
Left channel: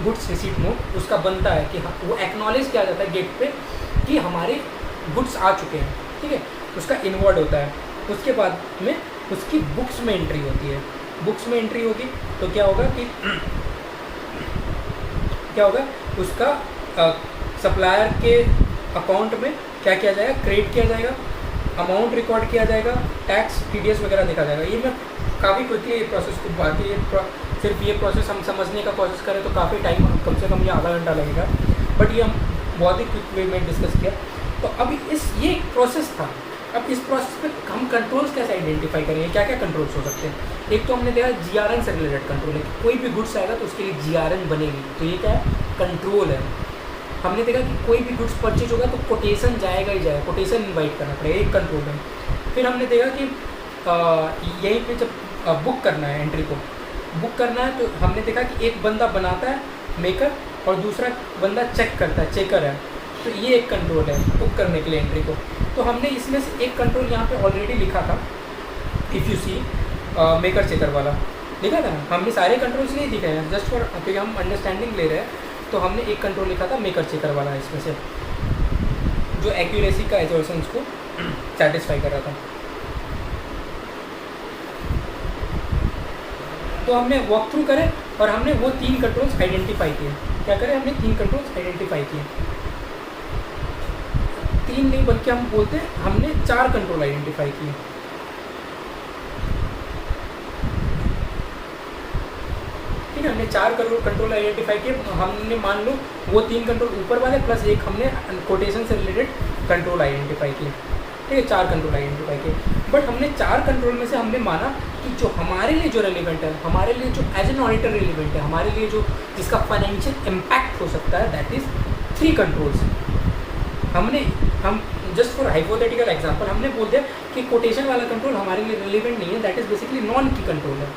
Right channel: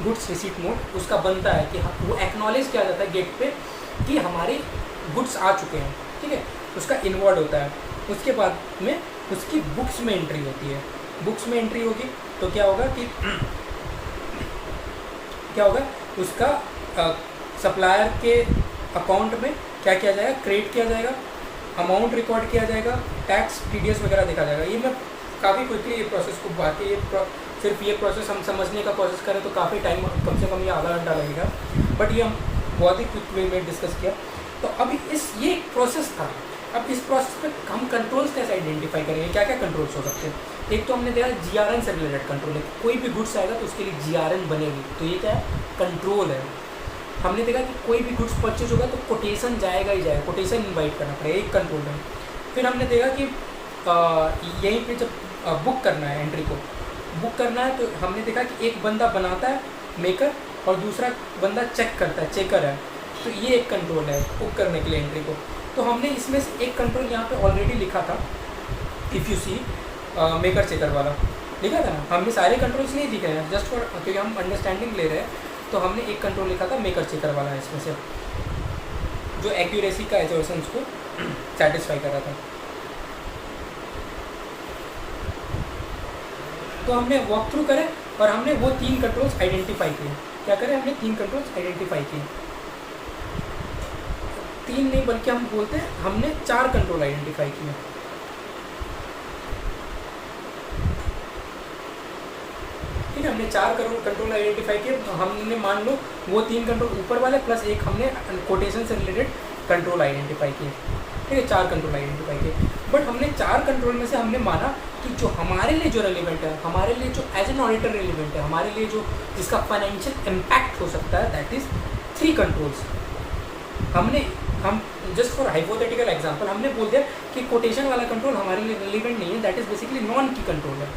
गुड्स रिसीट नोट उसका बनता है कि वो एक्नॉलेज किया जाता है गेट पे कि हमारे गुड्स आ चुके हैं, ठीक है, उसका इनवर्ड होता है। उसके बाद में उसकी बुक्स में एंट्री होती है, बुक्स में एंट्री होगी तो क्या होगा कि उसका सप्लायर के अकाउंट में क्या किया जाएगा, क्रेडिट किया जाएगा, अमाउंट रिकॉर्ड किया जाएगा, टैक्स TDS वगैरह देखा जाएगा। ये मैं काफ़ी क्विकली ये प्रोसेस को बाकी सिर्फ ये प्रोसेस हम समझने का कोशिश करें तो काफ़ी टाइम कम से कम ये आधा घंटा लगेगा, बट ये हम बहुत ही क्विक वे में डिस्कस किया। तो अभी ये एक प्रोसेस था। अब इस प्रोसेस पे हम कंट्रोल्स कैसे आइडेंटिफाई करेंगे, क्या क्या कंट्रोल्स हो सकते हैं। एक तो हमने देखा GRN से रिलेटेड कंट्रोल है, कोई भी गुड्स आएगा तो उसके लिए GRN बनेगी, तो ये क्या है, कंट्रोल है। हमने देखा कि कोई भी गुड्स परचेज होगा तो कोटेशन जाएगा ही जाएगा, कोटेशन इन्वाइट करना पड़ेगा, एक कंट्रोल है। फिर हमने देखा कि यहीं पे जब बुक करना है, एंट्री को बुक करना है, तो हमने देखा कि एक बंदा बनाता है मेकर और दूसरा बंदा चेक करता है, चेकर है, तो ये एक कंट्रोल है बुक करने के लिए एंट्री को। तो हमने इसमें से एक कंट्रोल यहाँ पे ऑलरेडी लिखा था, if you see maker checker वाला लिखा था ना। हमने सारे कंट्रोल्स नहीं लिखे हैं, जस्ट फॉर क्योंकि हम अंडरस्टैंडिंग ले रहे हैं, तो हमने एक कंट्रोल लिखा था मेकर चेकर वाला, इसमें से जो एक्यूरेसी का एजर्शंस को सेटिस्फाई कर रहा था। तो हमने वॉक थ्रू करे और हमने वो 3 कंट्रोल्स आइडेंटिफाई किए। क्या करें, हमने 3 कंट्रोल्स आइडेंटिफाई किए, 3 नहीं बल्कि हम बोलते हैं हमने 4 कंट्रोल आइडेंटिफाई किए। ठीक है, हमने 4 कंट्रोल आइडेंटिफाई किए। हमने मान लो वो 3 कंट्रोल ऊपर वाले प्लस एक हमने कोटेशन से रिलेटेड कंट्रोल आइडेंटिफाई किए। ठीक है, 4 कंट्रोल आइडेंटिफाई किए। बट हमने 4 कंट्रोल में से हमने माना कि जो हमारे लिए जो रेलिवेंट है, हमारे लिए जो एज एन ऑडिटर रेलिवेंट है, हमारे लिए जो जिसका फाइनेंशियल इम्पैक्ट हो सकता है, दैट इज़ 3 कंट्रोल्स। हम जस्ट फॉर हाइपोथेटिकल एग्जांपल हमने बोल दिया कि कोटेशन वाला कंट्रोल हमारे लिए रेलिवेंट नहीं है, दैट इज़ बेसिकली नॉन की कंट्रोल है।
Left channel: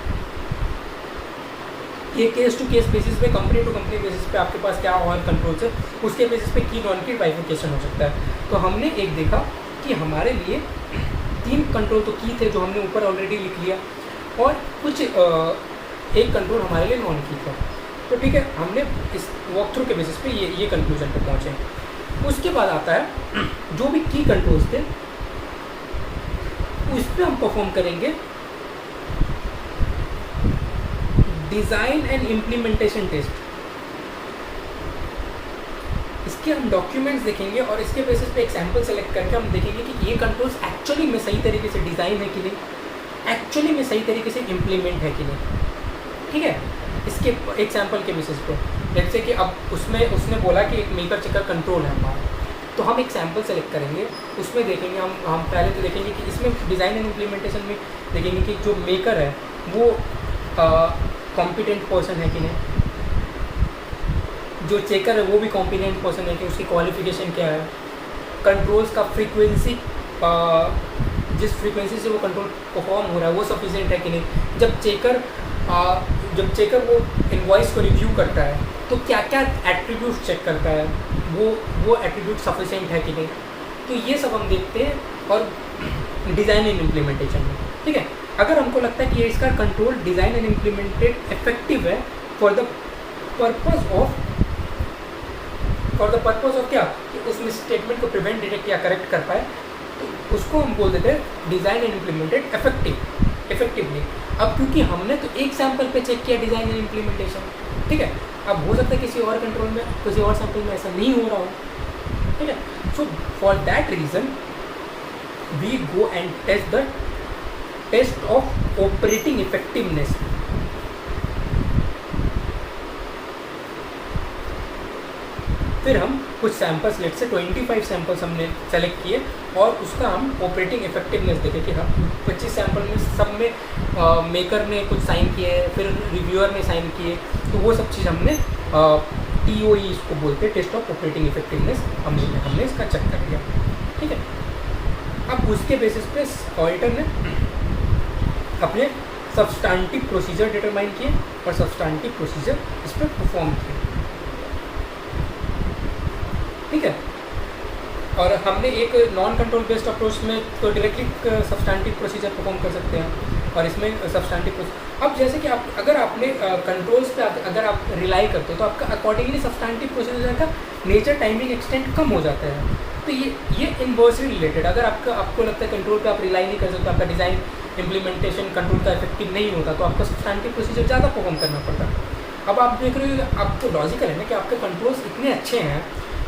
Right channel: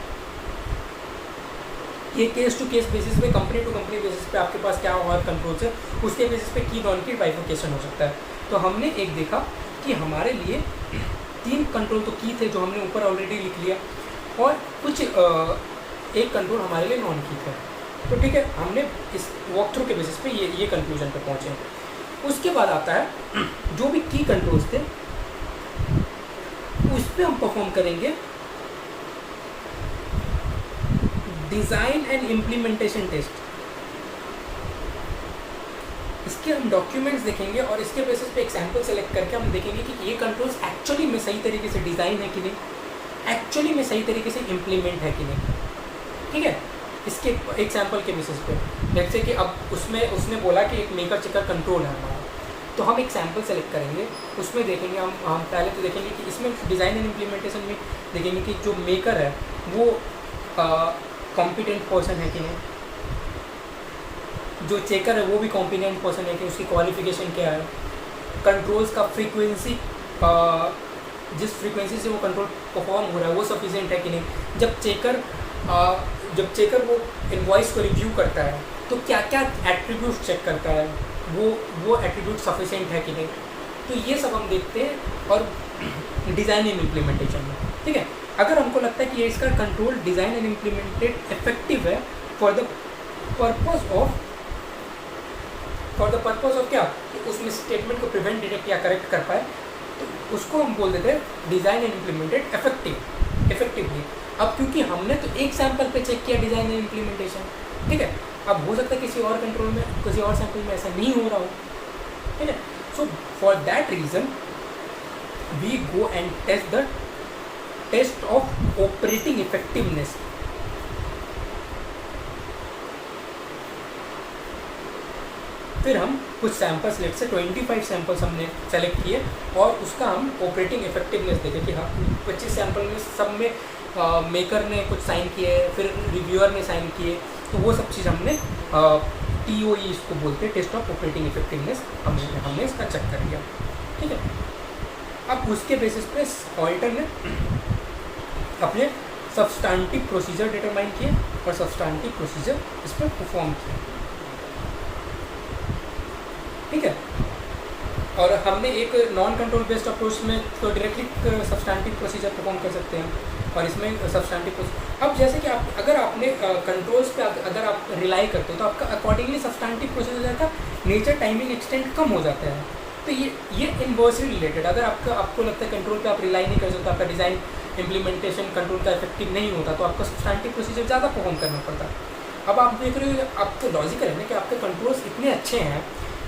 ये केस टू केस बेसिस पे, कंपनी टू कंपनी बेसिस पे आपके पास क्या और कंट्रोल्स है, उसके बेसिस पे की नॉन की बाइफिकेशन हो सकता है। तो हमने एक देखा कि हमारे लिए 3 कंट्रोल तो की थे जो हमने ऊपर ऑलरेडी लिख लिया, और कुछ एक कंट्रोल हमारे लिए नॉन की था। तो ठीक है, हमने इस वॉक थ्रू के बेसिस पे ये कंक्लूजन पे पहुँचे। उसके बाद आता है जो भी की कंट्रोल्स थे उस पर हम परफॉर्म करेंगे डिज़ाइन एंड इम्प्लीमेंटेशन टेस्ट। इसके हम डॉक्यूमेंट्स देखेंगे और इसके बेसिस पे एक सैम्पल सेलेक्ट करके हम देखेंगे कि ये कंट्रोल्स एक्चुअली में सही तरीके से डिज़ाइन है कि नहीं, एक्चुअली में सही तरीके से इम्प्लीमेंट है कि नहीं। ठीक है, इसके एक सैम्पल के बेसिस पे जैसे कि अब उसमें उसने बोला कि एक मेकर चेकर कंट्रोल है हमारा, तो हम एक सैम्पल सेलेक्ट करेंगे, उसमें देखेंगे हम पहले तो देखेंगे कि इसमें डिज़ाइन एंड इम्प्लीमेंटेशन में देखेंगे कि जो मेकर है वो कॉम्पिटेंट पर्सन है कि नहीं, जो चेकर है वो भी कॉम्पिटेंट पर्सन है कि उसकी क्वालिफिकेशन क्या है, कंट्रोल्स का फ्रीक्वेंसी, जिस फ्रीक्वेंसी से वो कंट्रोल परफॉर्म हो रहा है वो सफिशिएंट है कि नहीं। जब चेकर वो इनवॉइस को रिव्यू करता है तो क्या क्या एट्रीब्यूट चेक करता है, वो एट्रीब्यूट सफिशिएंट है कि नहीं। तो ये सब हम देखते हैं और डिज़ाइन एंड इम्प्लीमेंटेशन में, ठीक है। अगर हमको लगता है कि इसका control design and implemented effective है फॉर द पर्पस ऑफ क्या, कि उसमें स्टेटमेंट को प्रिवेंट, डिटेक्ट या करेक्ट कर पाए, तो उसको हम बोल देते हैं डिज़ाइन एंड इम्प्लीमेंटेड इफेक्टिवली। अब क्योंकि हमने तो एक सैम्पल पे चेक किया डिज़ाइन एंड इम्प्लीमेंटेशन, ठीक है। अब हो सकता है किसी और कंट्रोल में, किसी और सैम्पल में ऐसा नहीं हो रहा हो, ठीक है। So for that reason we go and test the test of operating effectiveness. फिर हम कुछ सैम्पल्स, लेट से 25 सैम्पल्स हमने सेलेक्ट किए और उसका हम ऑपरेटिंग इफेक्टिवनेस देखे कि हाँ 25 सैम्पल में सब में मेकर ने कुछ साइन किए, फिर रिव्यूअर ने साइन किए, तो वो सब चीज़ हमने TOE इसको बोलते हैं, टेस्ट ऑफ ऑपरेटिंग इफेक्टिवनेस, हमने इसका चेक कर लिया, ठीक है। अब उसके बेसिस पे ऑडिटर ने अपने सब्सटैंटिव प्रोसीजर डिटरमाइन किए और सब्सटैंटिव प्रोसीजर इस पर परफॉर्म किए, ठीक है। और हमने एक नॉन कंट्रोल बेस्ड अप्रोच में तो डायरेक्टली सब्सटैंटिव प्रोसीजर परफॉर्म कर सकते हैं, और इसमें सब्सटैंटिव प्रोसीजर, अब जैसे कि अगर आपने कंट्रोल्स पे अगर आप रिलाई करते हो तो आपका अकॉर्डिंगली सब्सटैंटिव प्रोसीजर का नेचर, टाइमिंग, एक्सटेंट कम हो जाता है। तो ये इन्वर्सली रिलेटेड, अगर आपको लगता है कंट्रोल पे आप रिलाई नहीं कर सकते, आपका डिज़ाइन इम्प्लीमेंटेशन कंट्रोल का इफेक्टिव नहीं होता, तो आपको सब्सटैंटिव प्रोसीजर ज़्यादा परफॉर्म करना पड़ता है। अब आप देख रहे हो, अब तो लॉजिकल है ना कि आपके कंट्रोल्स इतने अच्छे हैं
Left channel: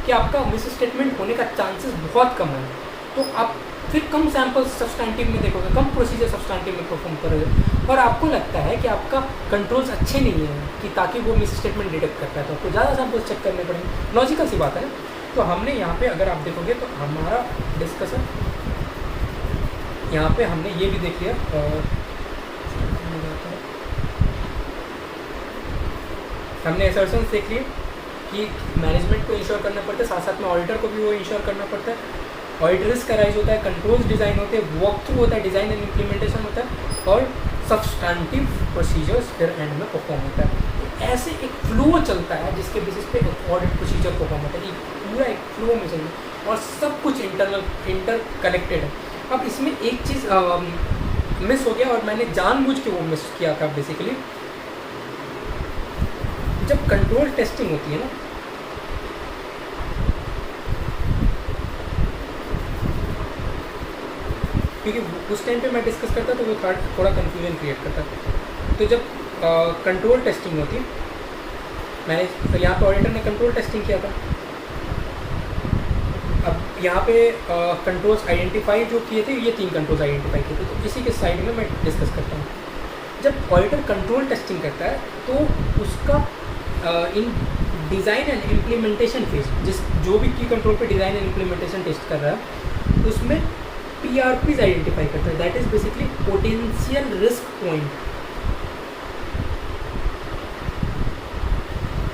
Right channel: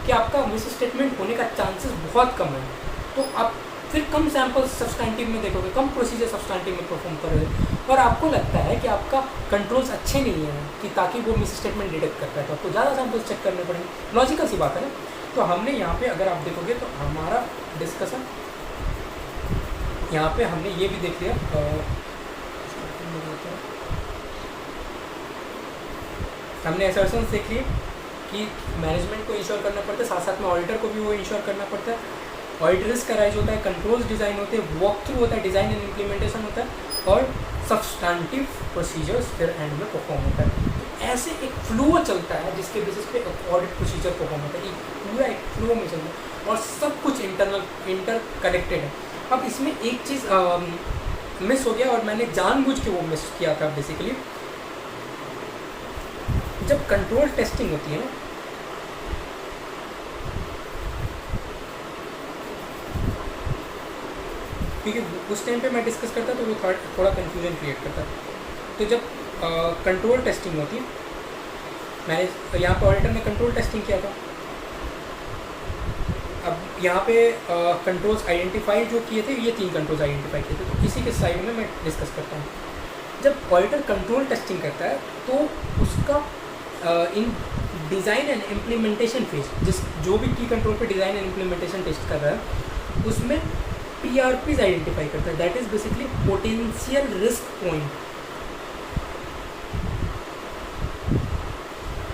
कि आपका मिस स्टेटमेंट होने का चांसेस बहुत कम है, तो आप फिर कम सैम्पल सब्सटैंटिव में देखोगे, कम प्रोसीजर सब्सटैंटिव में परफॉर्म करोगे, और आपको लगता है कि आपका कंट्रोल्स अच्छे नहीं हैं कि ताकि वो मिस स्टेटमेंट डिटेक्ट करता है, तो आपको ज़्यादा सैम्पल्स चेक करने पड़ेंगे, लॉजिकल सी बात है ना। तो हमने यहाँ पे अगर आप देखोगे तो हमारा डिस्कशन यहाँ पे हमने ये भी देख लिया, हमने असर्शंस देख लिए कि मैनेजमेंट को इंश्योर करना पड़ता है, साथ साथ में ऑडिटर को भी वो इंश्योर करना पड़ता है, ऑडिट रिस्क का राइज होता है, कंट्रोल्स डिज़ाइन होते हैं, वॉक थ्रू होता है, डिज़ाइन एंड इम्प्लीमेंटेशन होता है, और सब्सटैंटिव प्रोसीजर्स फिर एंड में परफॉर्म होता है। तो ऐसे एक फ्लो चलता है जिसके बेसिस पे ऑडिट प्रोसीजर परफॉर्म होता है, पूरा एक फ्लो में चलता है और सब कुछ इंटर कनेक्टेड है। अब इसमें एक चीज़ मिस हो गया और मैंने जानबूझ के वो मिस किया था। बेसिकली जब कंट्रोल टेस्टिंग होती है ना, क्योंकि उस टाइम पे मैं डिस्कस करता तो वो थोड़ा कन्फ्यूजन क्रिएट करता। तो जब कंट्रोल टेस्टिंग होती, मैंने यहाँ पे ऑडिटर ने कंट्रोल टेस्टिंग किया था, अब यहाँ पे कंट्रोल्स आइडेंटिफाई जो किए थे, ये 3 कंट्रोल्स आइडेंटिफाई किए थे, तो इसी के साइड में मैं डिस्कस करता हूँ। जब ऑडिटर कंट्रोल टेस्टिंग करता है तो उसका इन डिज़ाइन एंड इम्प्लीमेंटेशन फेज, जो भी की कंट्रोल पे डिज़ाइन एंड इम्प्लीमेंटेशन टेस्ट कर रहा है, उसमें PRPs आइडेंटिफाई करता है, that is basically potential risk point.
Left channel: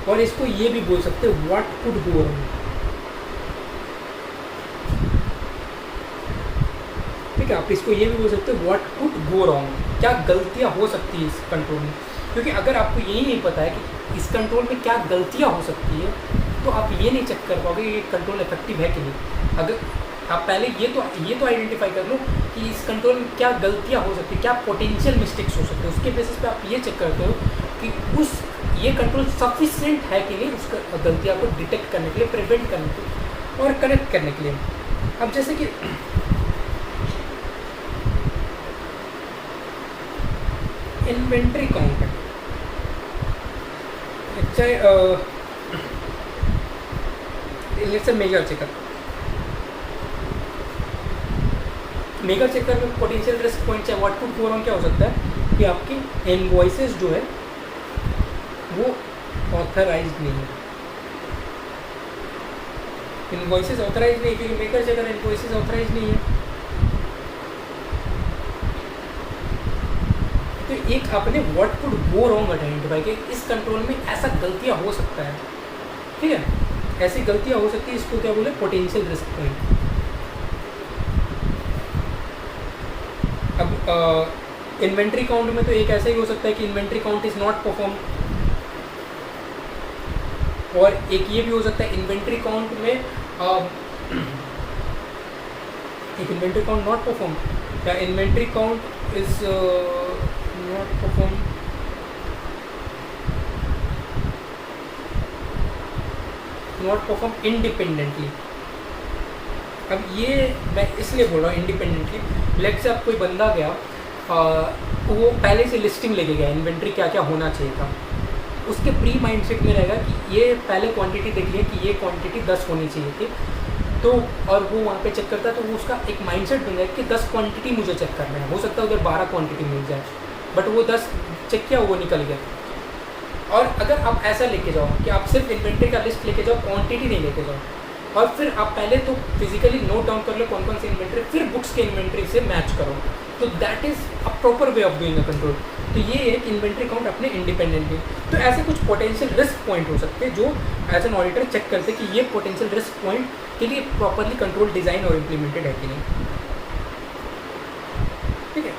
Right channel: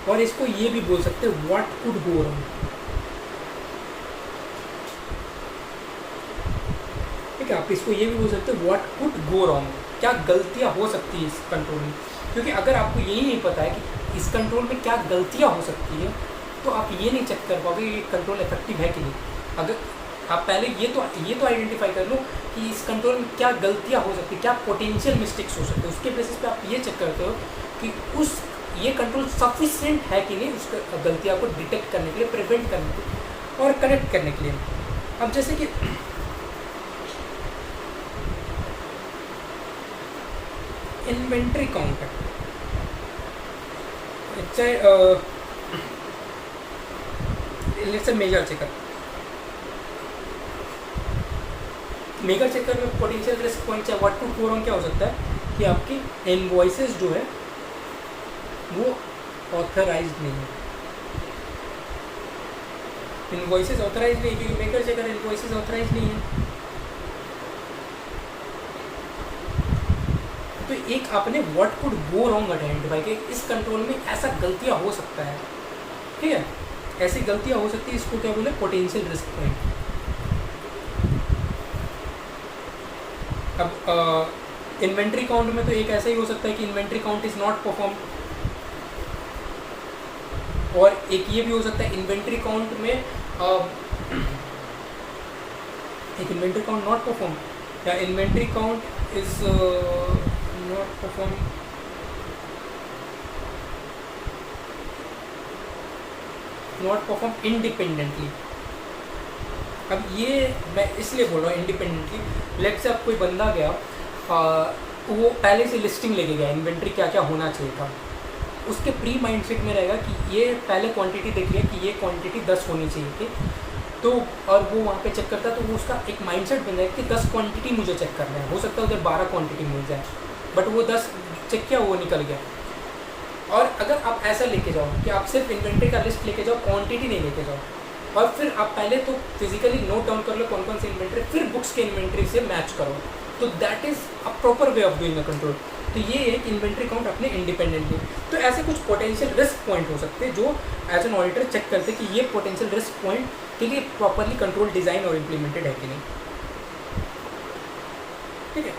और इसको ये भी बोल सकते हैं व्हाट कुड गो रॉन्ग, ठीक है। आप इसको ये भी बोल सकते हैं व्हाट कुड गो रॉन्ग, क्या गलतियां हो सकती है इस कंट्रोल में। क्योंकि अगर आपको यही नहीं पता है कि इस कंट्रोल में क्या गलतियां हो सकती है, तो आप ये नहीं चेक कर पाओगे ये कंट्रोल इफेक्टिव है कि नहीं। अगर आप पहले ये तो आइडेंटिफाई कर लो कि इस कंट्रोल में क्या गलतियां हो सकती है, क्या पोटेंशियल मिस्टेक्स हो सकते हैं, उसके बेसिस पे आप ये चेक करते हो कि ये कंट्रोल सफिशिएंट है कि नहीं उस गलतियां को डिटेक्ट करने के लिए, प्रिवेंट करने के लिए और करेक्ट करने के लिए। अब जैसे कि इन्वेंट्री काउंट है, चाहे लेट्स से मेजर चेकर में पोटेंशियल रिस्क पॉइंट चाहे व्हाट कुड गो रॉन्ग क्या हो सकता है कि आपकी इनवॉइसेस जो है वो ऑथराइज्ड नहीं है, इनवॉइसेस ऑथराइज नहीं, क्योंकि मेकर से अगर इनवॉइसेस ऑथराइज नहीं है तो एक आपने what could go wrong identify कि इस कंट्रोल में ऐसा गलतियाँ हो सकता है, ठीक है, ऐसी गलतियाँ हो सकती है, इसको क्या बोले, पोटेंशियल रिस्क पॉइंट। अब इन्वेंट्री काउंट में तो एक ऐसा ही हो सकता है कि inventory count is not perform, और एक ये भी हो सकता है इन्वेंट्री काउंट में एक इन्वेंट्री काउंट नॉट परफॉर्म, या inventory count is not perform, not perform independently. अब ये मैं इसलिए बोल रहा हूँ इंडिपेंडेंटली, लेट से अब कोई बंदा गया वो पहले से लिस्टिंग लेके गया इन्वेंट्री क्या क्या होना चाहिए था, उसके प्री माइंडसेट में रहेगा कि ये पहले क्वांटिटी देख लिया कि ये क्वांटिटी 10 होनी चाहिए थी, तो और वो वहाँ पे चेक करता है तो वो उसका एक माइंडसेट बन जाएगा कि 10 क्वांटिटी मुझे चेक करना है, हो सकता है उधर 12 क्वांटिटी मिल जाए, बट वो 10 चेक किया वो निकल गया। और अगर आप ऐसा लेके जाओ कि आप सिर्फ इन्वेंट्री का लिस्ट लेके जाओ, क्वांटिटी नहीं लेके जाओ, और फिर आप पहले तो फिजिकली नोट डाउन कर लो कौन कौन सी इन्वेंट्री, फिर बुक्स के इन्वेंट्री से मैच करो, तो that is a proper way of doing a control. तो ये एक इन्वेंट्री काउंट अपने इंडिपेंडेंटली। तो ऐसे कुछ पोटेंशियल रिस्क पॉइंट हो सकते हैं जो एज एन ऑडिटर चेक करते हैं कि ये पोटेंशियल रिस्क पॉइंट के लिए प्रॉपरली कंट्रोल डिज़ाइन और इम्प्लीमेंटेड है कि नहीं, ठीक है।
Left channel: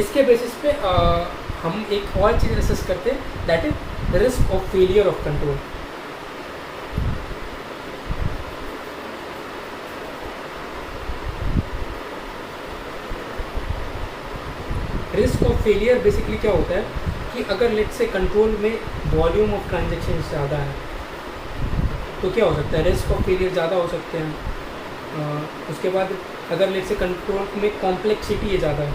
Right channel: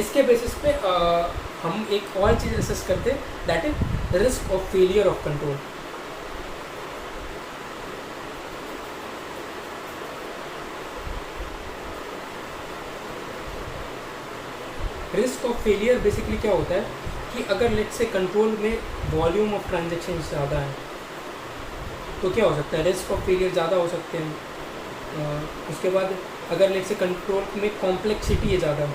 इसके बेसिस पे हम एक और चीज़ असेस करते हैं, that is risk of failure of control. Risk of failure basically क्या होता है कि अगर लेट्स से कंट्रोल में वॉल्यूम ऑफ ट्रांजेक्शन ज़्यादा है तो क्या हो सकता है, रिस्क ऑफ फेलियर ज़्यादा हो सकते हैं। उसके बाद अगर लेट्स से कंट्रोल में कॉम्प्लेक्सिटी है ज़्यादा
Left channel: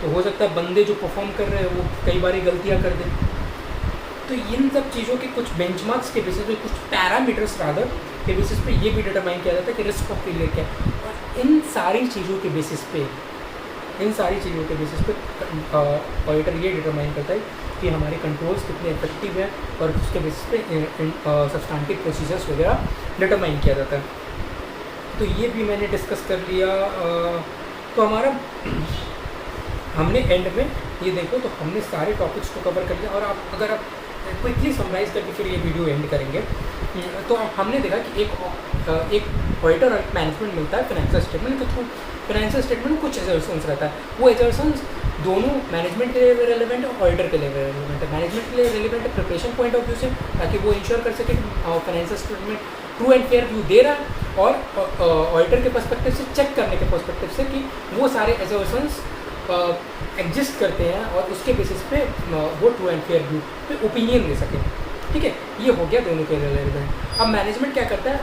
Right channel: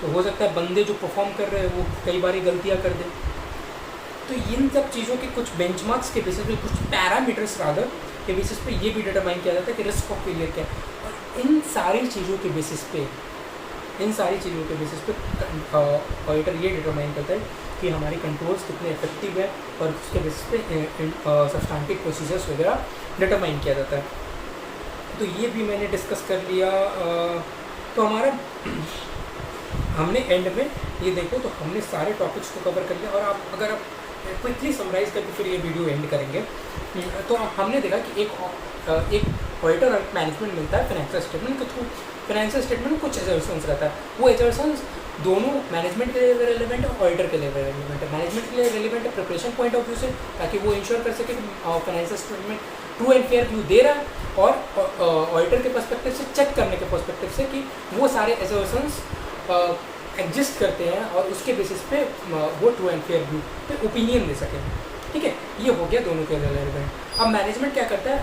तो हो सकता है बंदे जो परफॉर्म कर रहे हैं वो कई बार गलतियाँ कर दें। तो इन सब चीज़ों के कुछ बेंचमार्क्स के बेसिस पे, कुछ पैरामीटर्स रादर के बेसिस पे ये भी डिटरमाइन किया जाता है कि रिस्क ऑफ फेलियर क्या है, और इन सारी चीज़ों के बेसिस पे ऑडिटर ये डिटरमाइन करता है कि हमारे कंट्रोल्स कितने इफेक्टिव है, और उसके बेसिस पे सब्सटेंटिव प्रोसीजर्स वगैरह डिटरमाइन किया जाता है। तो ये भी मैंने डिस्कस कर लिया। तो हमारा हमने एंड में ये देखो तो हमने सारे टॉपिक्स को कवर कर लिया, और आप अगर आप क्विकली समराइज़ करके फिर ये वीडियो एंड करेंगे तो हमने देखा कि एक ऑडिटर और एक मैनेजमेंट मिलता है फाइनेंशियल स्टेटमेंट के थ्रू। फाइनेंशियल स्टेटमेंट में कुछ एजर्शंस रहता है, वो एजर्शंस दोनों मैनेजमेंट के लिए रेलिवेंट है और ऑडिटर के लिए रेलिवेंट है। मैनेजमेंट के लिए रेलिवेंट है प्रिपरेशन पॉइंट ऑफ व्यू से, ताकि वो इंश्योर कर सके कि financial statement true and fair view दे रहा है, और ऑडिटर के पर्सपेक्टिव से चेक करने के पर्सपेक्टिव से कि वो सारे एजर्शंस एग्जिस्ट करते हैं और उसके बेसिस पे वो ट्रू एंड फेयर व्यू पे ओपिनियन दे सके, ठीक है। ये हो गया दोनों के रेलिवेंट। अब मैनेजमेंट क्या करता है,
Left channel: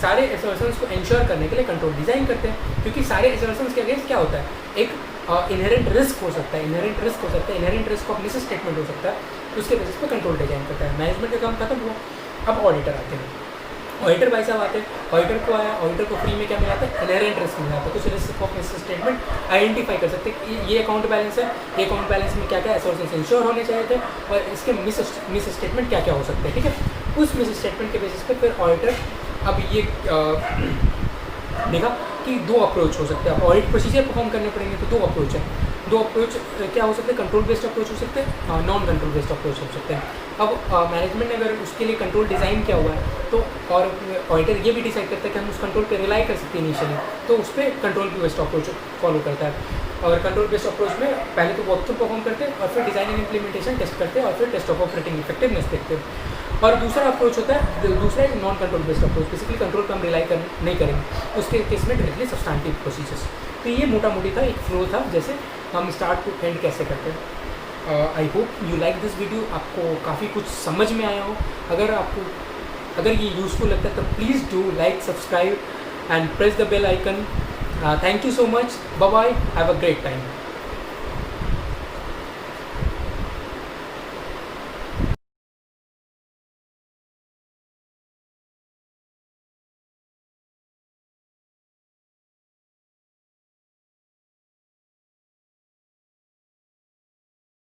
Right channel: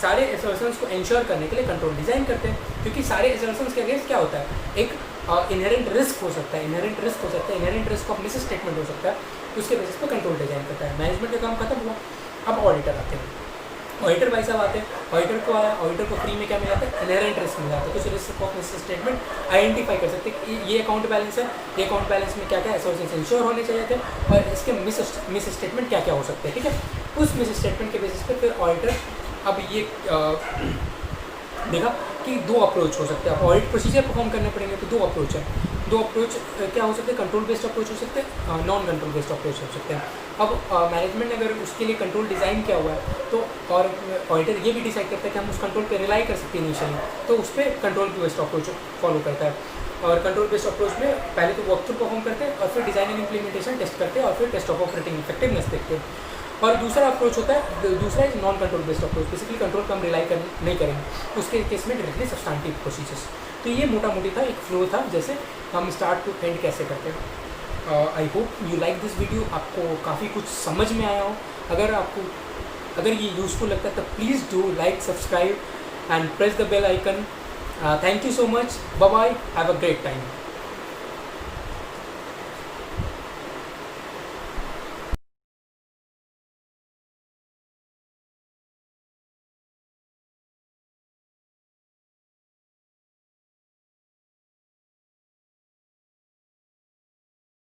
सारे एसर्शंस को इंश्योर करने के लिए कंट्रोल डिज़ाइन करते हैं, क्योंकि सारे एसर्शंस के अगेंस्ट क्या होता है, एक इनहेरेंट रिस्क हो सकता है, inherent risk of miss statement हो सकता है, उसके बेसिस पे कंट्रोल डिज़ाइन करता है। मैनेजमेंट का काम खत्म हुआ, अब ऑडिटर आते हैं। ऑडिटर भाई साहब आते हैं, ऑडिटर को आया, ऑडिटर को फ्री में क्या मिला था, इनहेरेंट रिस्क मिला था। कुछ risk of miss statement identify कर सकते हैं कि ये अकाउंट बैलेंस है, ये अकाउंट बैलेंस में क्या क्या एसोर्सेस इंश्योर होने चाहिए थे, और इसके मिस स्टेटमेंट क्या क्या हो सकते हैं, ठीक है। उस मिस स्टेटमेंट के बेसिस पे फिर ऑडिटर अब ये देखा कि दो अप्रोच हो सकते हैं। अब ऑडिट प्रोसीजर परफॉर्म करने पड़ेंगे तो दो अप्रोच है। दो अप्रोच क्या हो सकते हैं, कंट्रोल बेस्ड अप्रोच हो सकते हैं, नॉन कंट्रोल बेस्ड अप्रोच हो सकते हैं। अब मैनेजमेंट ने अगर उसके लिए कंट्रोल डिज़ाइन किया हुआ है तो, और ऑडिटर ये भी डिसाइड करता है कि हम उस कंट्रोल पे रिलाई कर सकते हैं इनिशियली, तो उस पर कंट्रोल बेस्ड अप्रोच फॉलो करता है। और कंट्रोल बेस्ड अप्रोच में पहले तो वॉक थ्रू परफॉर्म करते हैं, और फिर डिज़ाइन एंड इम्प्लीमेंटेशन टेस्ट करते हैं, और फिर टेस्ट ऑफ ऑपरेटिंग इफेक्टिवनेस देखते हैं। और दूसरा अप्रोच होता है, दूसरा एक non control based approach, basically control पर हम रिलाई नहीं करेंगे, उसके केस में डायरेक्टली सब्सटेंटिव प्रोसीजर्स। तो ये मोटा मोटी था, एक फ्लो था जैसे हम स्टार्ट टू एंड कैसे करते हैं। I hope you like this video, आपको काफ़ी कुछ समझ में आया हो। अगर ये यूज़फुल लगता है तो please do like, subscribe and press the bell icon. Thank you so much, bye bye, have a great time.